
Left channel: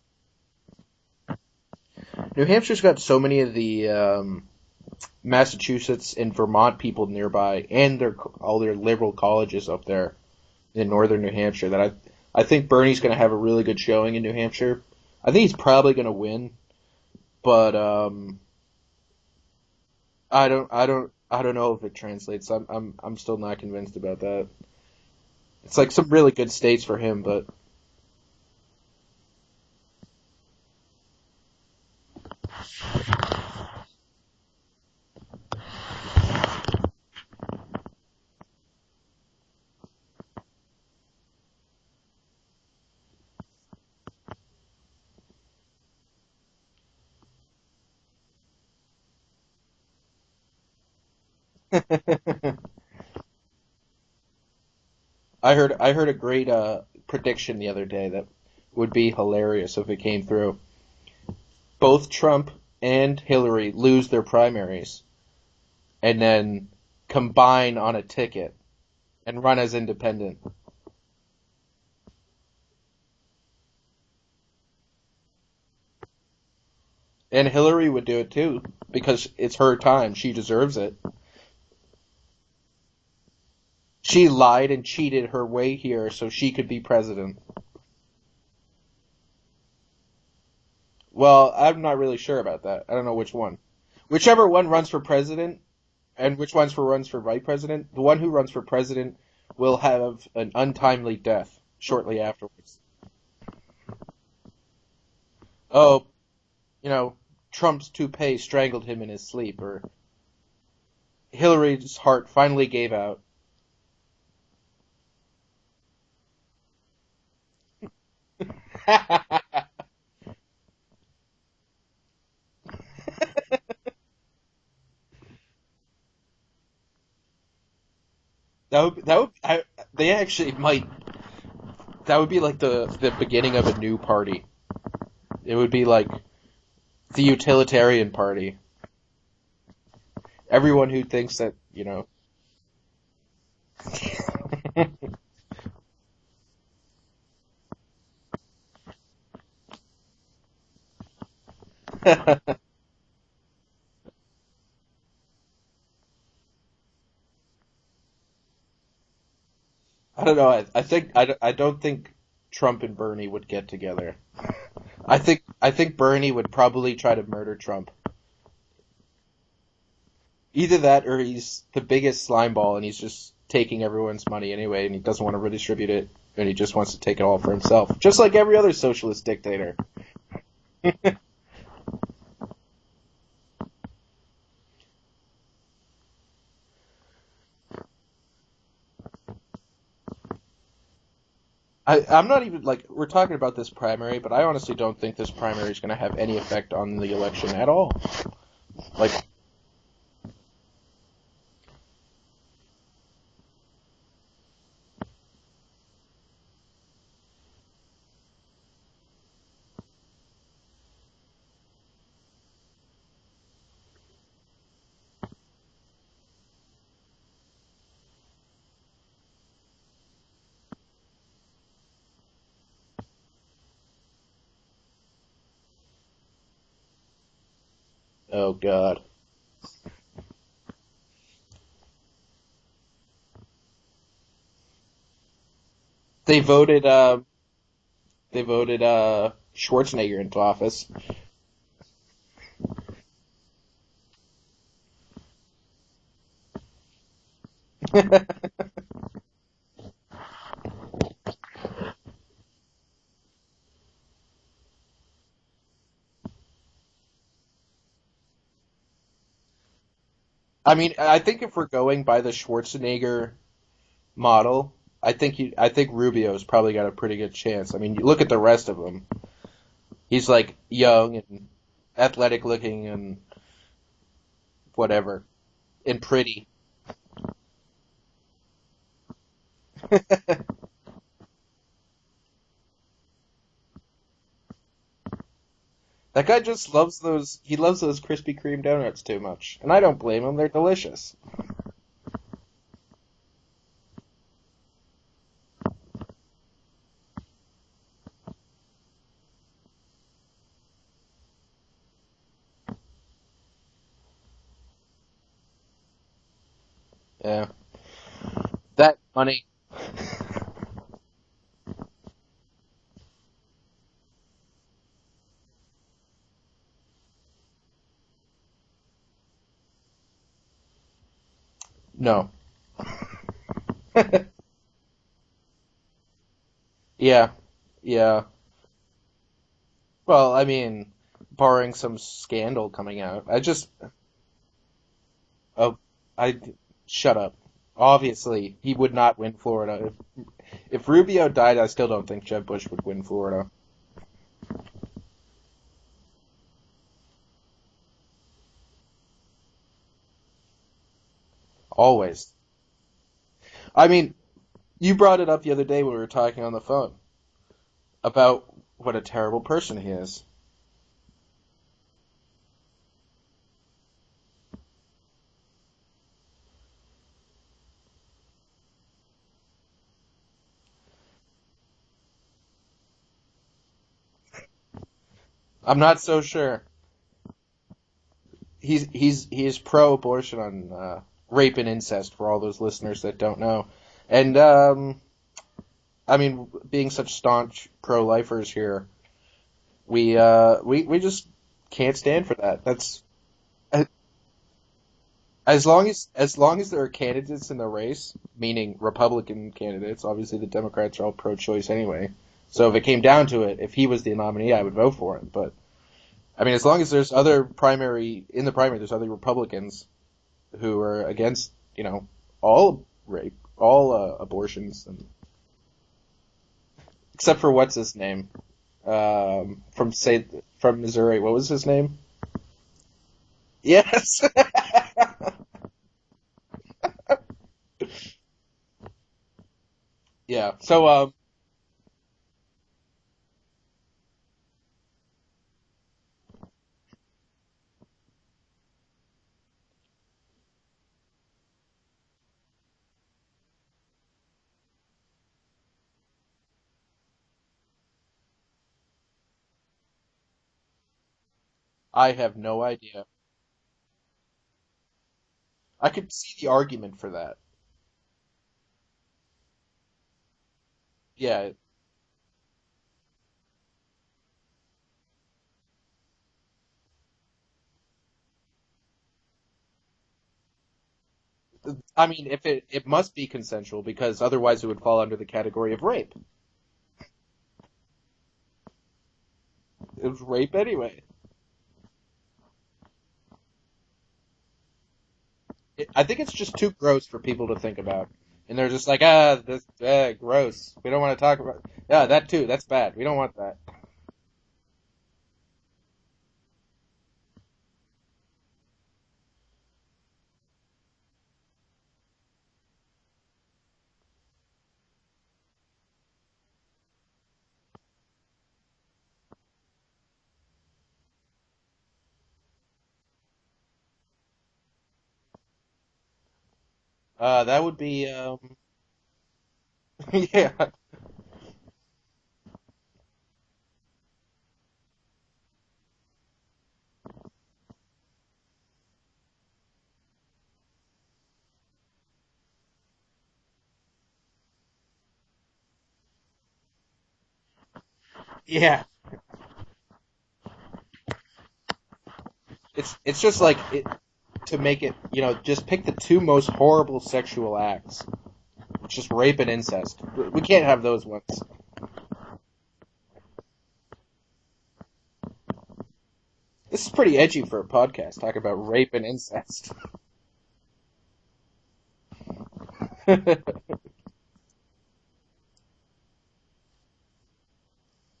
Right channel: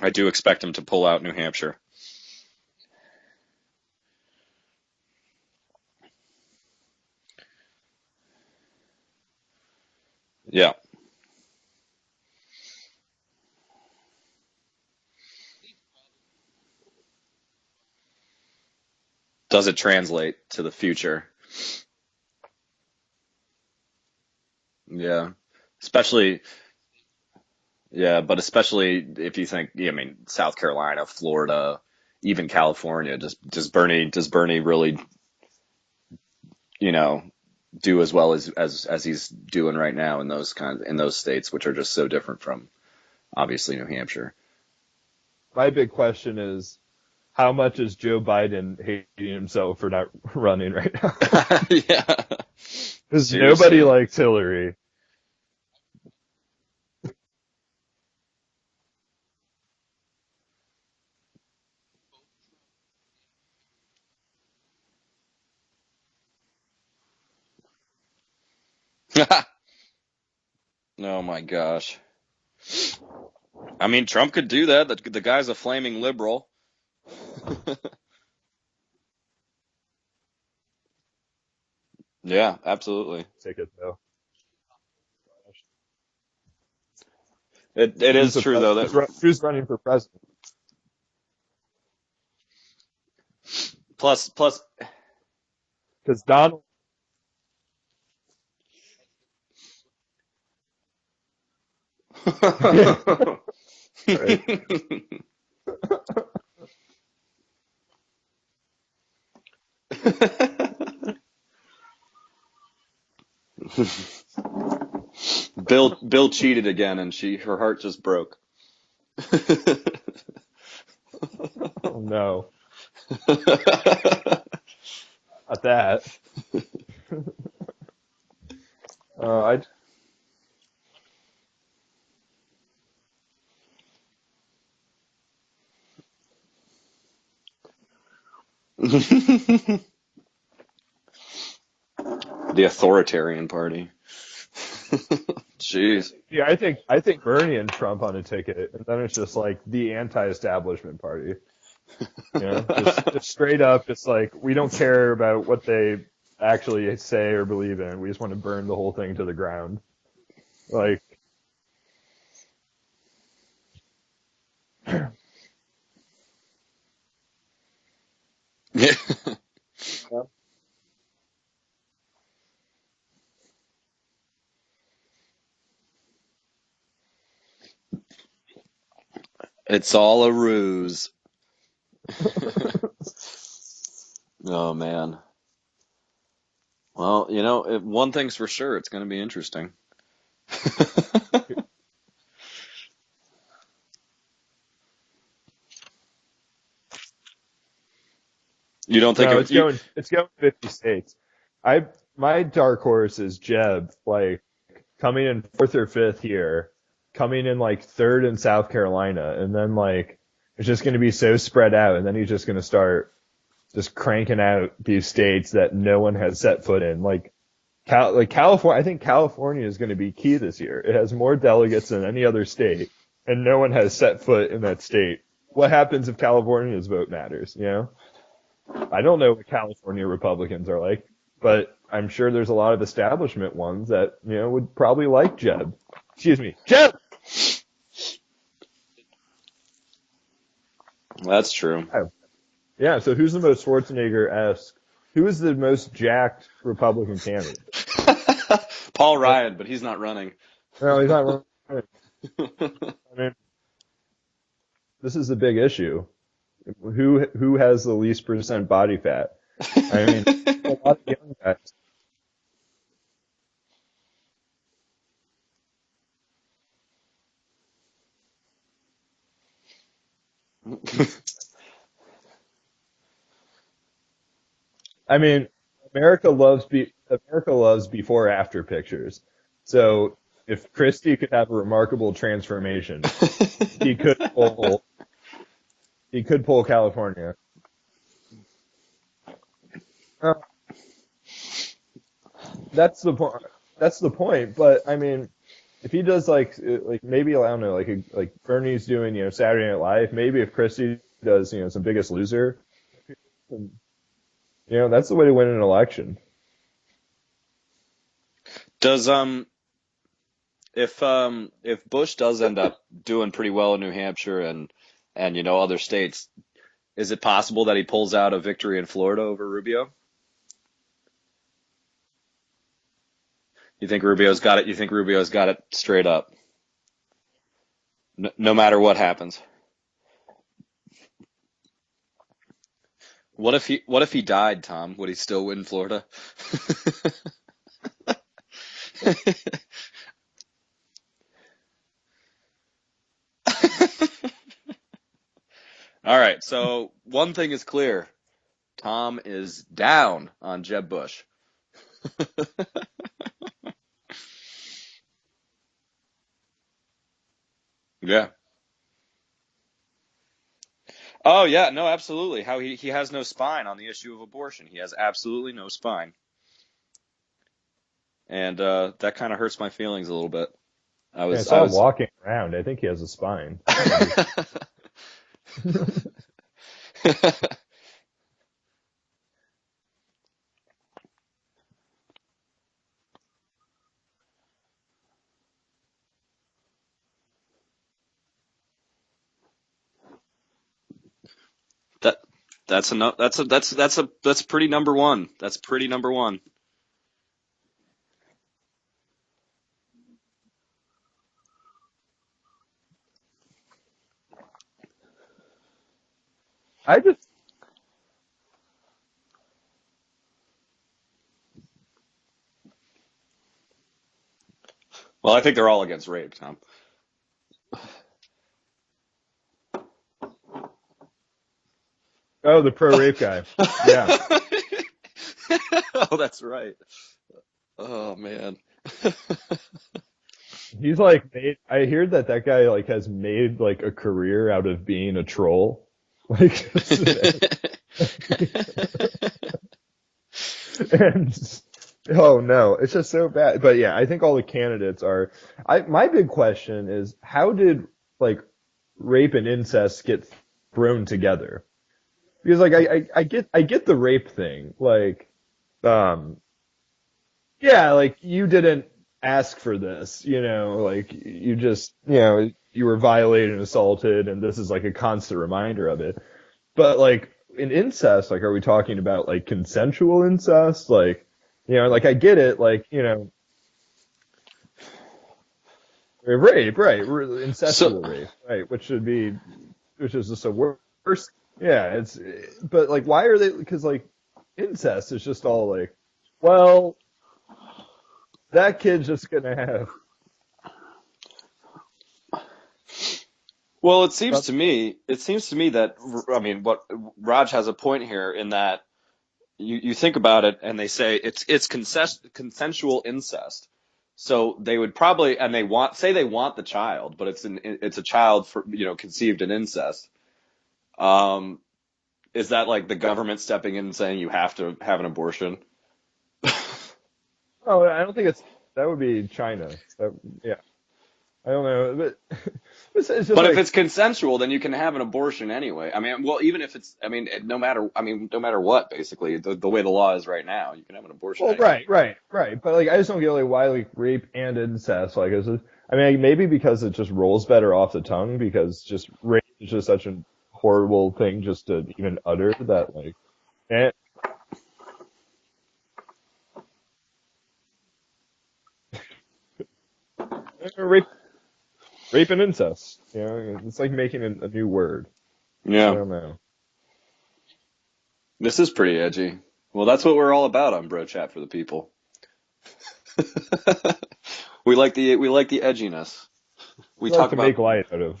I do expect him to pull out New Hampshire. New Hampshire's got so many of the Massachusetts and Vermont people nearby, and all their liberal colleges up there in northern New Hampshire, that I think Bernie's going to have a really good showing in New Hampshire. I think he's probably going to win, but does it translate to the future? I don't know if it translates. I'm still not convinced about that. Yeah. It's like some really good states for him, but... Yeah, but especially if you think, South Carolina, Florida, even California, does Bernie really, do as well as he's doing right now in those states, which are just so different from, obviously, New Hampshire. My big question is, how much is Joe Biden hating himself for not running right now? Because nobody likes Hillary. I heard a great prediction the other day that would be hilarious if it came through. Both Trump and Hillary lose their primaries and then combine on a ticket and run as independent. Oh my gosh. Trump could do that. The guy's a flaming liberal. And Hillary would do it too, because it's her time. She deserves it. Yeah, absolutely. Ticket though. She lied and cheated her way here so she could be president. It is true though that who's running for president. Well, I'm not really sure about that. I don't know which one. Whichever one runs for president, and which one runs for vice president, the one who runs for president will have an untimely death shortly after. Oh, Trump's toupee strangled him in his sleep, or Hillary's heart finally gave out. Bill cheated again, and her heart just broke. Oh no! Not that. They actually might. That would be like the beginning of a new party. It would be like the utilitarian party. Everyone who thinks that, the authoritarian party. Jeez. Yeah, I think Bernie and Trump on a ticket, and then it's just like the anti-establishment party. Just straight up, it's like we don't care about what they actually say or believe in. We just want to burn the whole thing to the ground. I don't know. I Like- think I don't think Trump and Bernie would get together. I think Bernie would probably try to murder Trump. Yeah. Either that or he's the biggest slime ball and he's just taking everyone's money anyway and he doesn't want to redistribute it and he just wants to take it all for himself. Just like every other socialist dictator. It's all a ruse. Oh, man. Well, one thing's for sure. It's going to be interesting. I'm not even, like, we're talking about this primary, but I honestly don't think this primary is going to have any effect on the election at all. You don't think No, it's going 50 states. My dark horse is Jeb, like coming in 4th or 5th here, coming in like 3rd in South Carolina, and then like it's just going to be so spread out, and then he's just going to start just cranking out these states that no one has set foot in, like California. I think California is going to be key this year. It has more delegates than any other state, and no one has set foot in that state. What happens if California's vote matters? Oh, God. I don't know what California Republicans are like, but I'm sure there's a lot of establishment ones that would probably like Jeb. They voted Jeb! Schwarzenegger into office. That's true. Yeah, so who's the most Schwarzenegger-esque? Who is the most jacked Republican candidate? Paul Ryan, but he's not running. No, he's not running. I mean, this is the big issue. Who has the least % body fat? I mean, I think if we're going by the Schwarzenegger model, I think Rubio's probably got a pretty good chance. I mean, you look at the rest of them. He's like young and athletic looking and whatever. I mean, America loves before after pictures. So if Christie could have a remarkable transformation, he could pull. That guy just loves those Krispy Kreme donuts too much, and I don't blame him. They're delicious. That's the point. That's the point. But I mean, if he does like maybe I don't know, like Bernie's doing Saturday Night Live. Maybe if Christie does some Biggest Loser, that's the way to win an election. Yeah. That's funny. If Bush does end up doing pretty well in New Hampshire and other states, is it possible that he pulls out a victory in Florida over Rubio? No. You think Rubio's got it? You think Rubio's got it straight up? Yeah. No matter what happens. Well, I mean, barring some scandal coming out. What if he died, Tom? Would he still win Florida? Shut up. Obviously, he would not win Florida. If Rubio died, I still don't think Jeb Bush would win Florida. All right, so one thing is clear. Tom is down on Jeb Bush. Always. I mean, you brought it up the other day when we were talking on the phone about what a terrible person he is. Oh, yeah, no, absolutely. How he has no spine on the issue of abortion. He has absolutely no spine. And that kind of hurts my feelings a little bit. I was walking around. I think he has a spine. I'm not so sure. He's pro-abortion on rape and incest for all those listeners that don't know. And I mean, being such staunch pro-lifers here, we just can't stand for that. That's pretty number one. As long as there are candidates in the race, meaning Republican candidates, obviously the Democrats are all pro-choice anyway. So if it came down to it, if he was the nominee, I would vote for it. But I mean, as long as there's other Republicans who are against, all rape, all abortions. Well, I think they're all against rape, Tom. Except for what's his name? From Missouri. What was his name? Oh, the pro-rape guy. Yes. Yeah. Oh, that's right. Oh man. Yeah. So he's I hear that guy has made a career out of being a troll. And oh no, it's just so bad. But yeah, I think all the candidates are. My big question is, how did rape and incest get thrown together? I have no idea. Because I get the rape thing. I can see the argument for that. Yeah, you didn't ask for this, like Yeah. you just, you were violated and assaulted, and this is like a constant reminder of it. But like in incest, like, are we talking about like consensual incest? Like, like I mean, get it, like, it must be consensual because otherwise it would fall under the category of rape. rape, right, incestual So- rape, right, which is just Rape a anyway. worse. Yeah, but like, why are they? Because like incest is just all like, I think it's just too well, gross for people to think about. And that they're just kid's like, just gonna have. gross. We don't want to talk about. Yeah, that too. That's bad. We don't want that. Well, it seems to me that, I mean, what Raj has a point here in that you think about it and they say it's consensual incest. So they would probably, and they want the child, but it's a child conceived in incest. Is that like the government stepping in and saying you have to have an abortion? That would Oh, be. I don't think that would be China. Yeah. I don't know, but it's just But like, if it's consensual, then you can have an abortion anyway. I mean, well, even if it's, I mean, no matter what, basically, the way the law is right now, you can have an abortion. well, anyway. right. But like, I just don't get like why like rape and incest. Like, I mean, maybe because it just rolls better off the tongue because Yeah. just rape is just such a horrible thing just to even utter that. It's just like and, to make it. Just pick the two most horrible sexual acts. Just rape and incest. We can't have those Rape- ones. rape and incest. It's like making a new word. I Yeah. don't know. This is pretty edgy for a podcast. Talking about This is rape pretty and edgy. incest. Well, that's what we're all about on Bro Chat for the people. we like the edginess. We I like talk to about make light out of.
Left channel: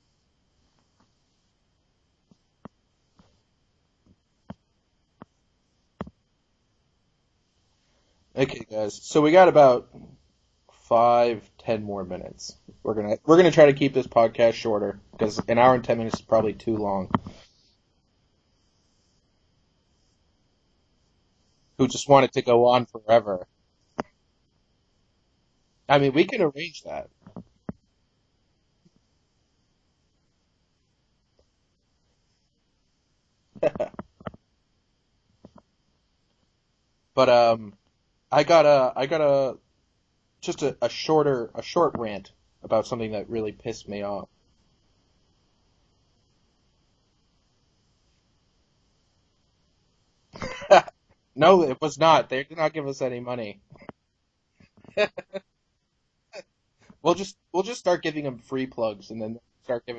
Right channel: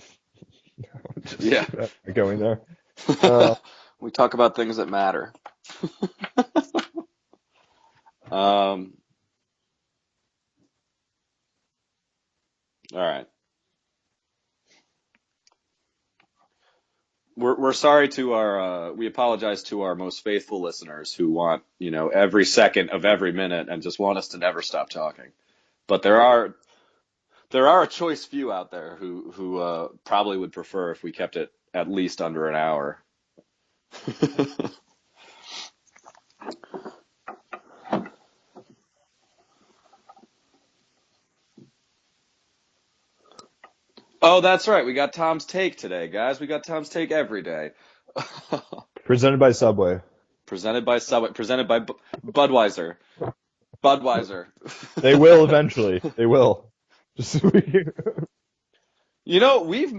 Just Yeah. Going there. we talk about things that matter. Thank you, guys. So we got about 5-10 more minutes. We're gonna try to keep this podcast shorter because an hour and 10 minutes is probably too long. We're sorry to our we apologize to our most faithful listeners who want just want it every to go on second of every forever. minute and just want us to never stop talking. I But mean, we can arrange that. there are a choice few out there who probably would prefer if we kept it at least under an hour. But I got a short rant about something that really pissed me off. Oh, that's right. We got Tom's Take today, guys. We got Tom's Take every day. Presented by Subway. Presented by Subway. No, Presented by it was not. They did not give Budweiser. us any money. Budweiser. They will eventually. They will. We'll just start giving them free plugs and then. We've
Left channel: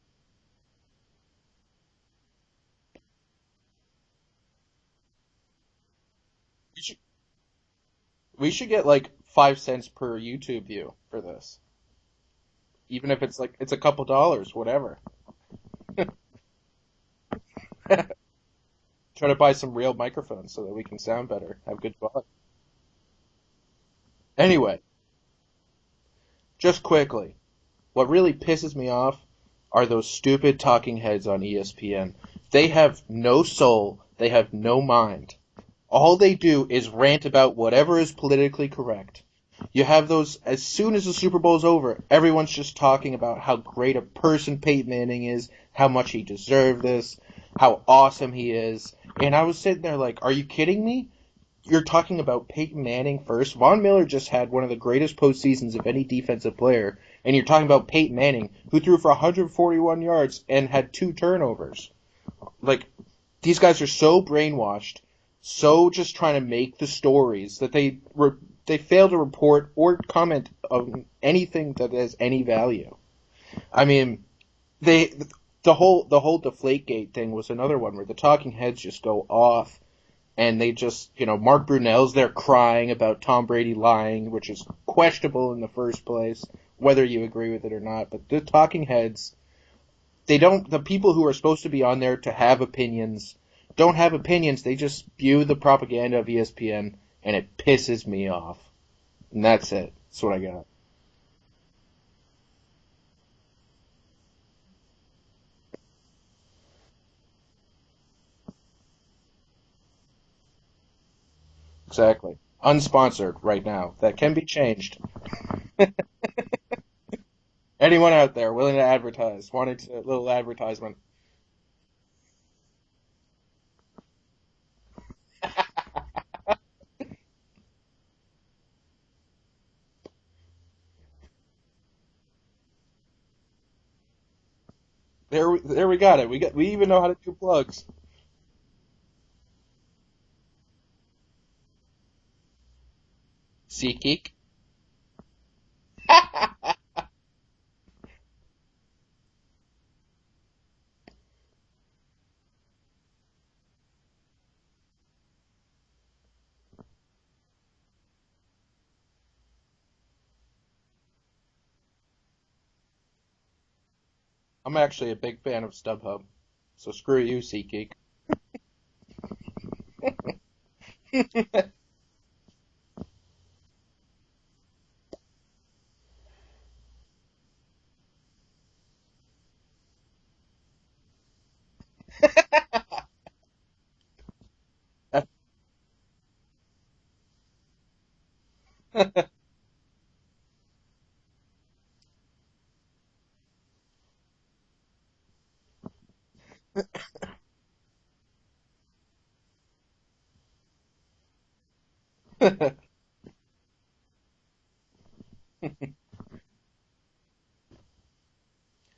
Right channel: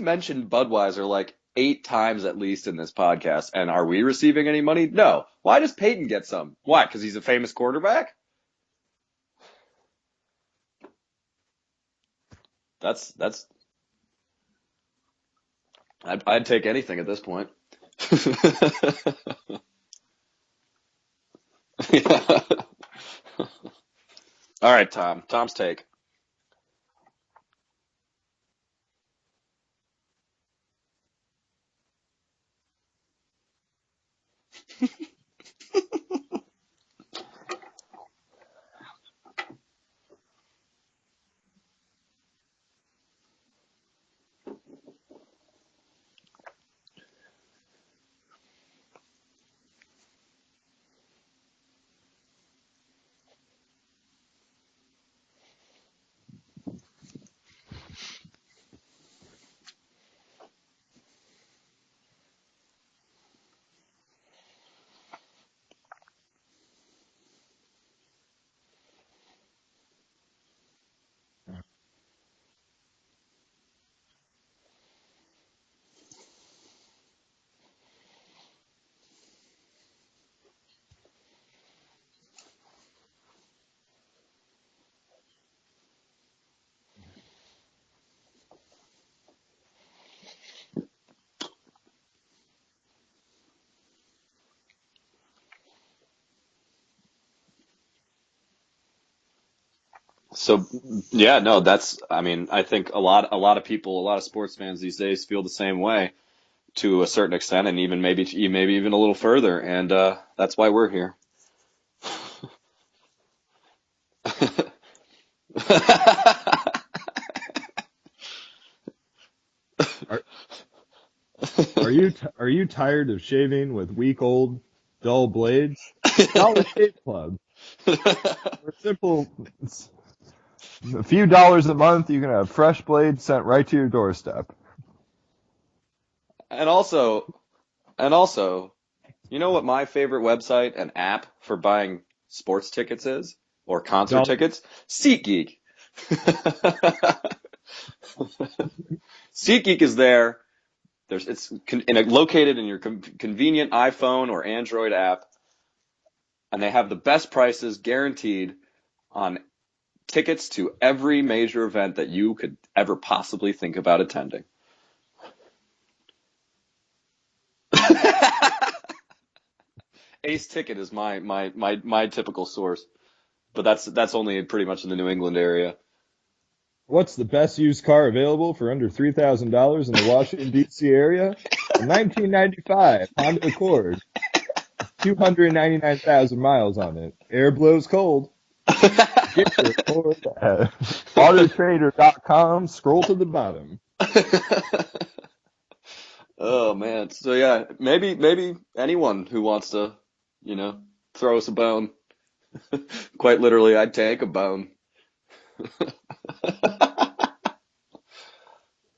mentioned Budweiser like 8 times at least in this podcast, and are we receiving any money? No. Why does Peyton get some? Why? Because he's a famous quarterback? We should get like 5 cents per YouTube view for this. Even if it's a couple dollars, whatever. I'd take anything at this point. Try to buy some real microphones so that we can sound better. Have good quality. Anyway. All right, Tom. Tom's Take. Just quickly, what really pisses me off are those stupid talking heads on ESPN. They have no soul. They have no mind. All they do is rant about whatever is politically correct. You have those, as soon as the Super Bowl's over, everyone's just talking about how great a person Peyton Manning is, how much he deserved this, how awesome he is. And I was sitting there like, are you kidding me? You're talking about Peyton Manning first. Von Miller just had one of the greatest postseasons of any defensive player. And you're talking about Peyton Manning, who threw for 141 yards and had 2 turnovers. Like, these guys are so brainwashed, so just trying to make the stories that they fail to report or comment on anything that has any value. I mean, the whole Deflategate thing was another one where the talking heads just go off. And they just, Mark Brunell's there crying about Tom Brady lying, which is questionable in the first place, whether you agree with it or not. But the talking heads, the people who are supposed to be on there to have opinions, don't have opinions. They just spew the propaganda of ESPN, and it pisses me off. And that's it. That's what I got. So, yeah, no, I think a lot of people, a lot of sports fans these days feel the same way to a certain extent, and even maybe even a little further. And that's why we're here. Exactly. Unsponsored right now. That can be changed. Anyone out there willing to advertise? Wanting a little advertisement? Are you tired of shaving with weak old dull blades? Dollar Shave Club. We're A few dollars a month, you can have fresh blades sent right to your doorstep. There we got it. We even know how to do plugs. And also, you know what my favorite website and app for buying sports tickets is? Or concert tickets? SeatGeek. SeatGeek is there. It's located in your convenient iPhone or Android app, and they have the best prices guaranteed on tickets to every major event that you could ever possibly think about attending. I'm actually a big fan of StubHub, so screw you, SeatGeek. Ace Ticket is my typical source, but that's only pretty much in the New England area. What's the best used car available for under $3,000 in the Washington, D.C. area? A 1995 Honda Accord. 299,000 miles on it. Air blows cold. Get your Accord at autotrader.com. Scroll to the bottom. Oh, man. So, yeah, maybe anyone who wants to, throw us a bone. Quite literally, I'd take a bone.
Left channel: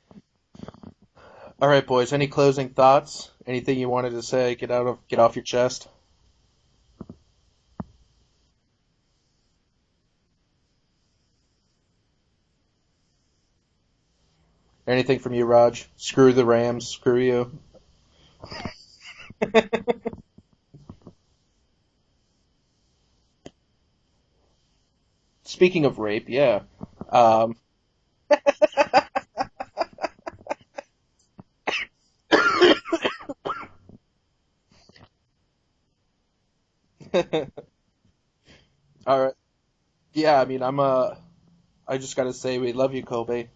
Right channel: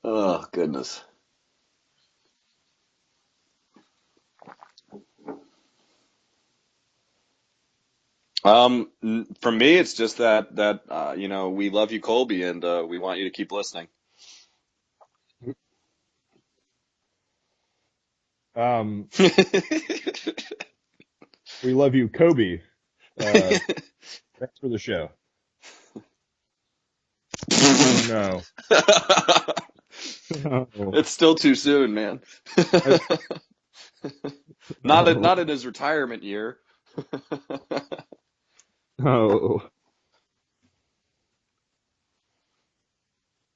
Oh, goodness. All right, boys. Any closing thoughts? Anything you wanted to say? Get off your chest. For me, it's just that we love you, Colby, and we want you to keep listening. Anything from you, Raj? Screw the Rams. Screw you. We love you, Kobe. Thanks for the show. Speaking of rape, yeah. No. It's still too soon, man. Not in his retirement year. Oh. Yeah, I mean, I just gotta say, we love you, Colby.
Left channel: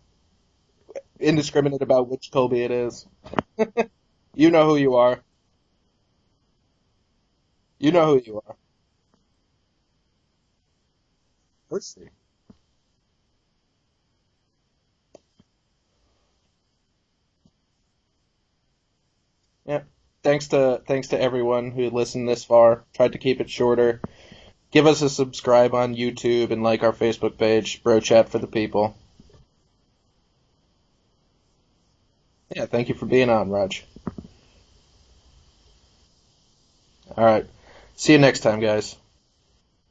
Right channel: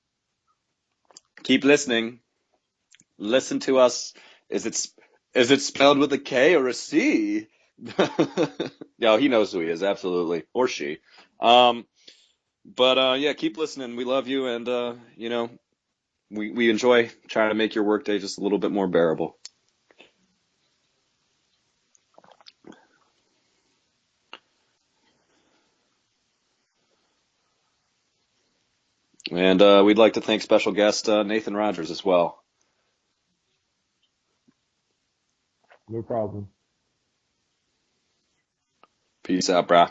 Indiscriminate about which Colby it is. Listen to us. You know who you are. Is it spelled with a K or a C? You know who you are. Yeah, he knows who he is, absolutely. Or she. But yeah, keep listening. We love you, and we enjoy trying to make your workday just a little bit more bearable. Yeah. Thanks to everyone who listened this far. Tried to keep it shorter. Give us a subscribe on YouTube and like our Facebook page, Bro Chat for the People. And we'd like to thank special guest Nathan Rogers as well. Yeah, thank you for being on, Raj. No problem. All right. See you next time, guys. Peace out, brah.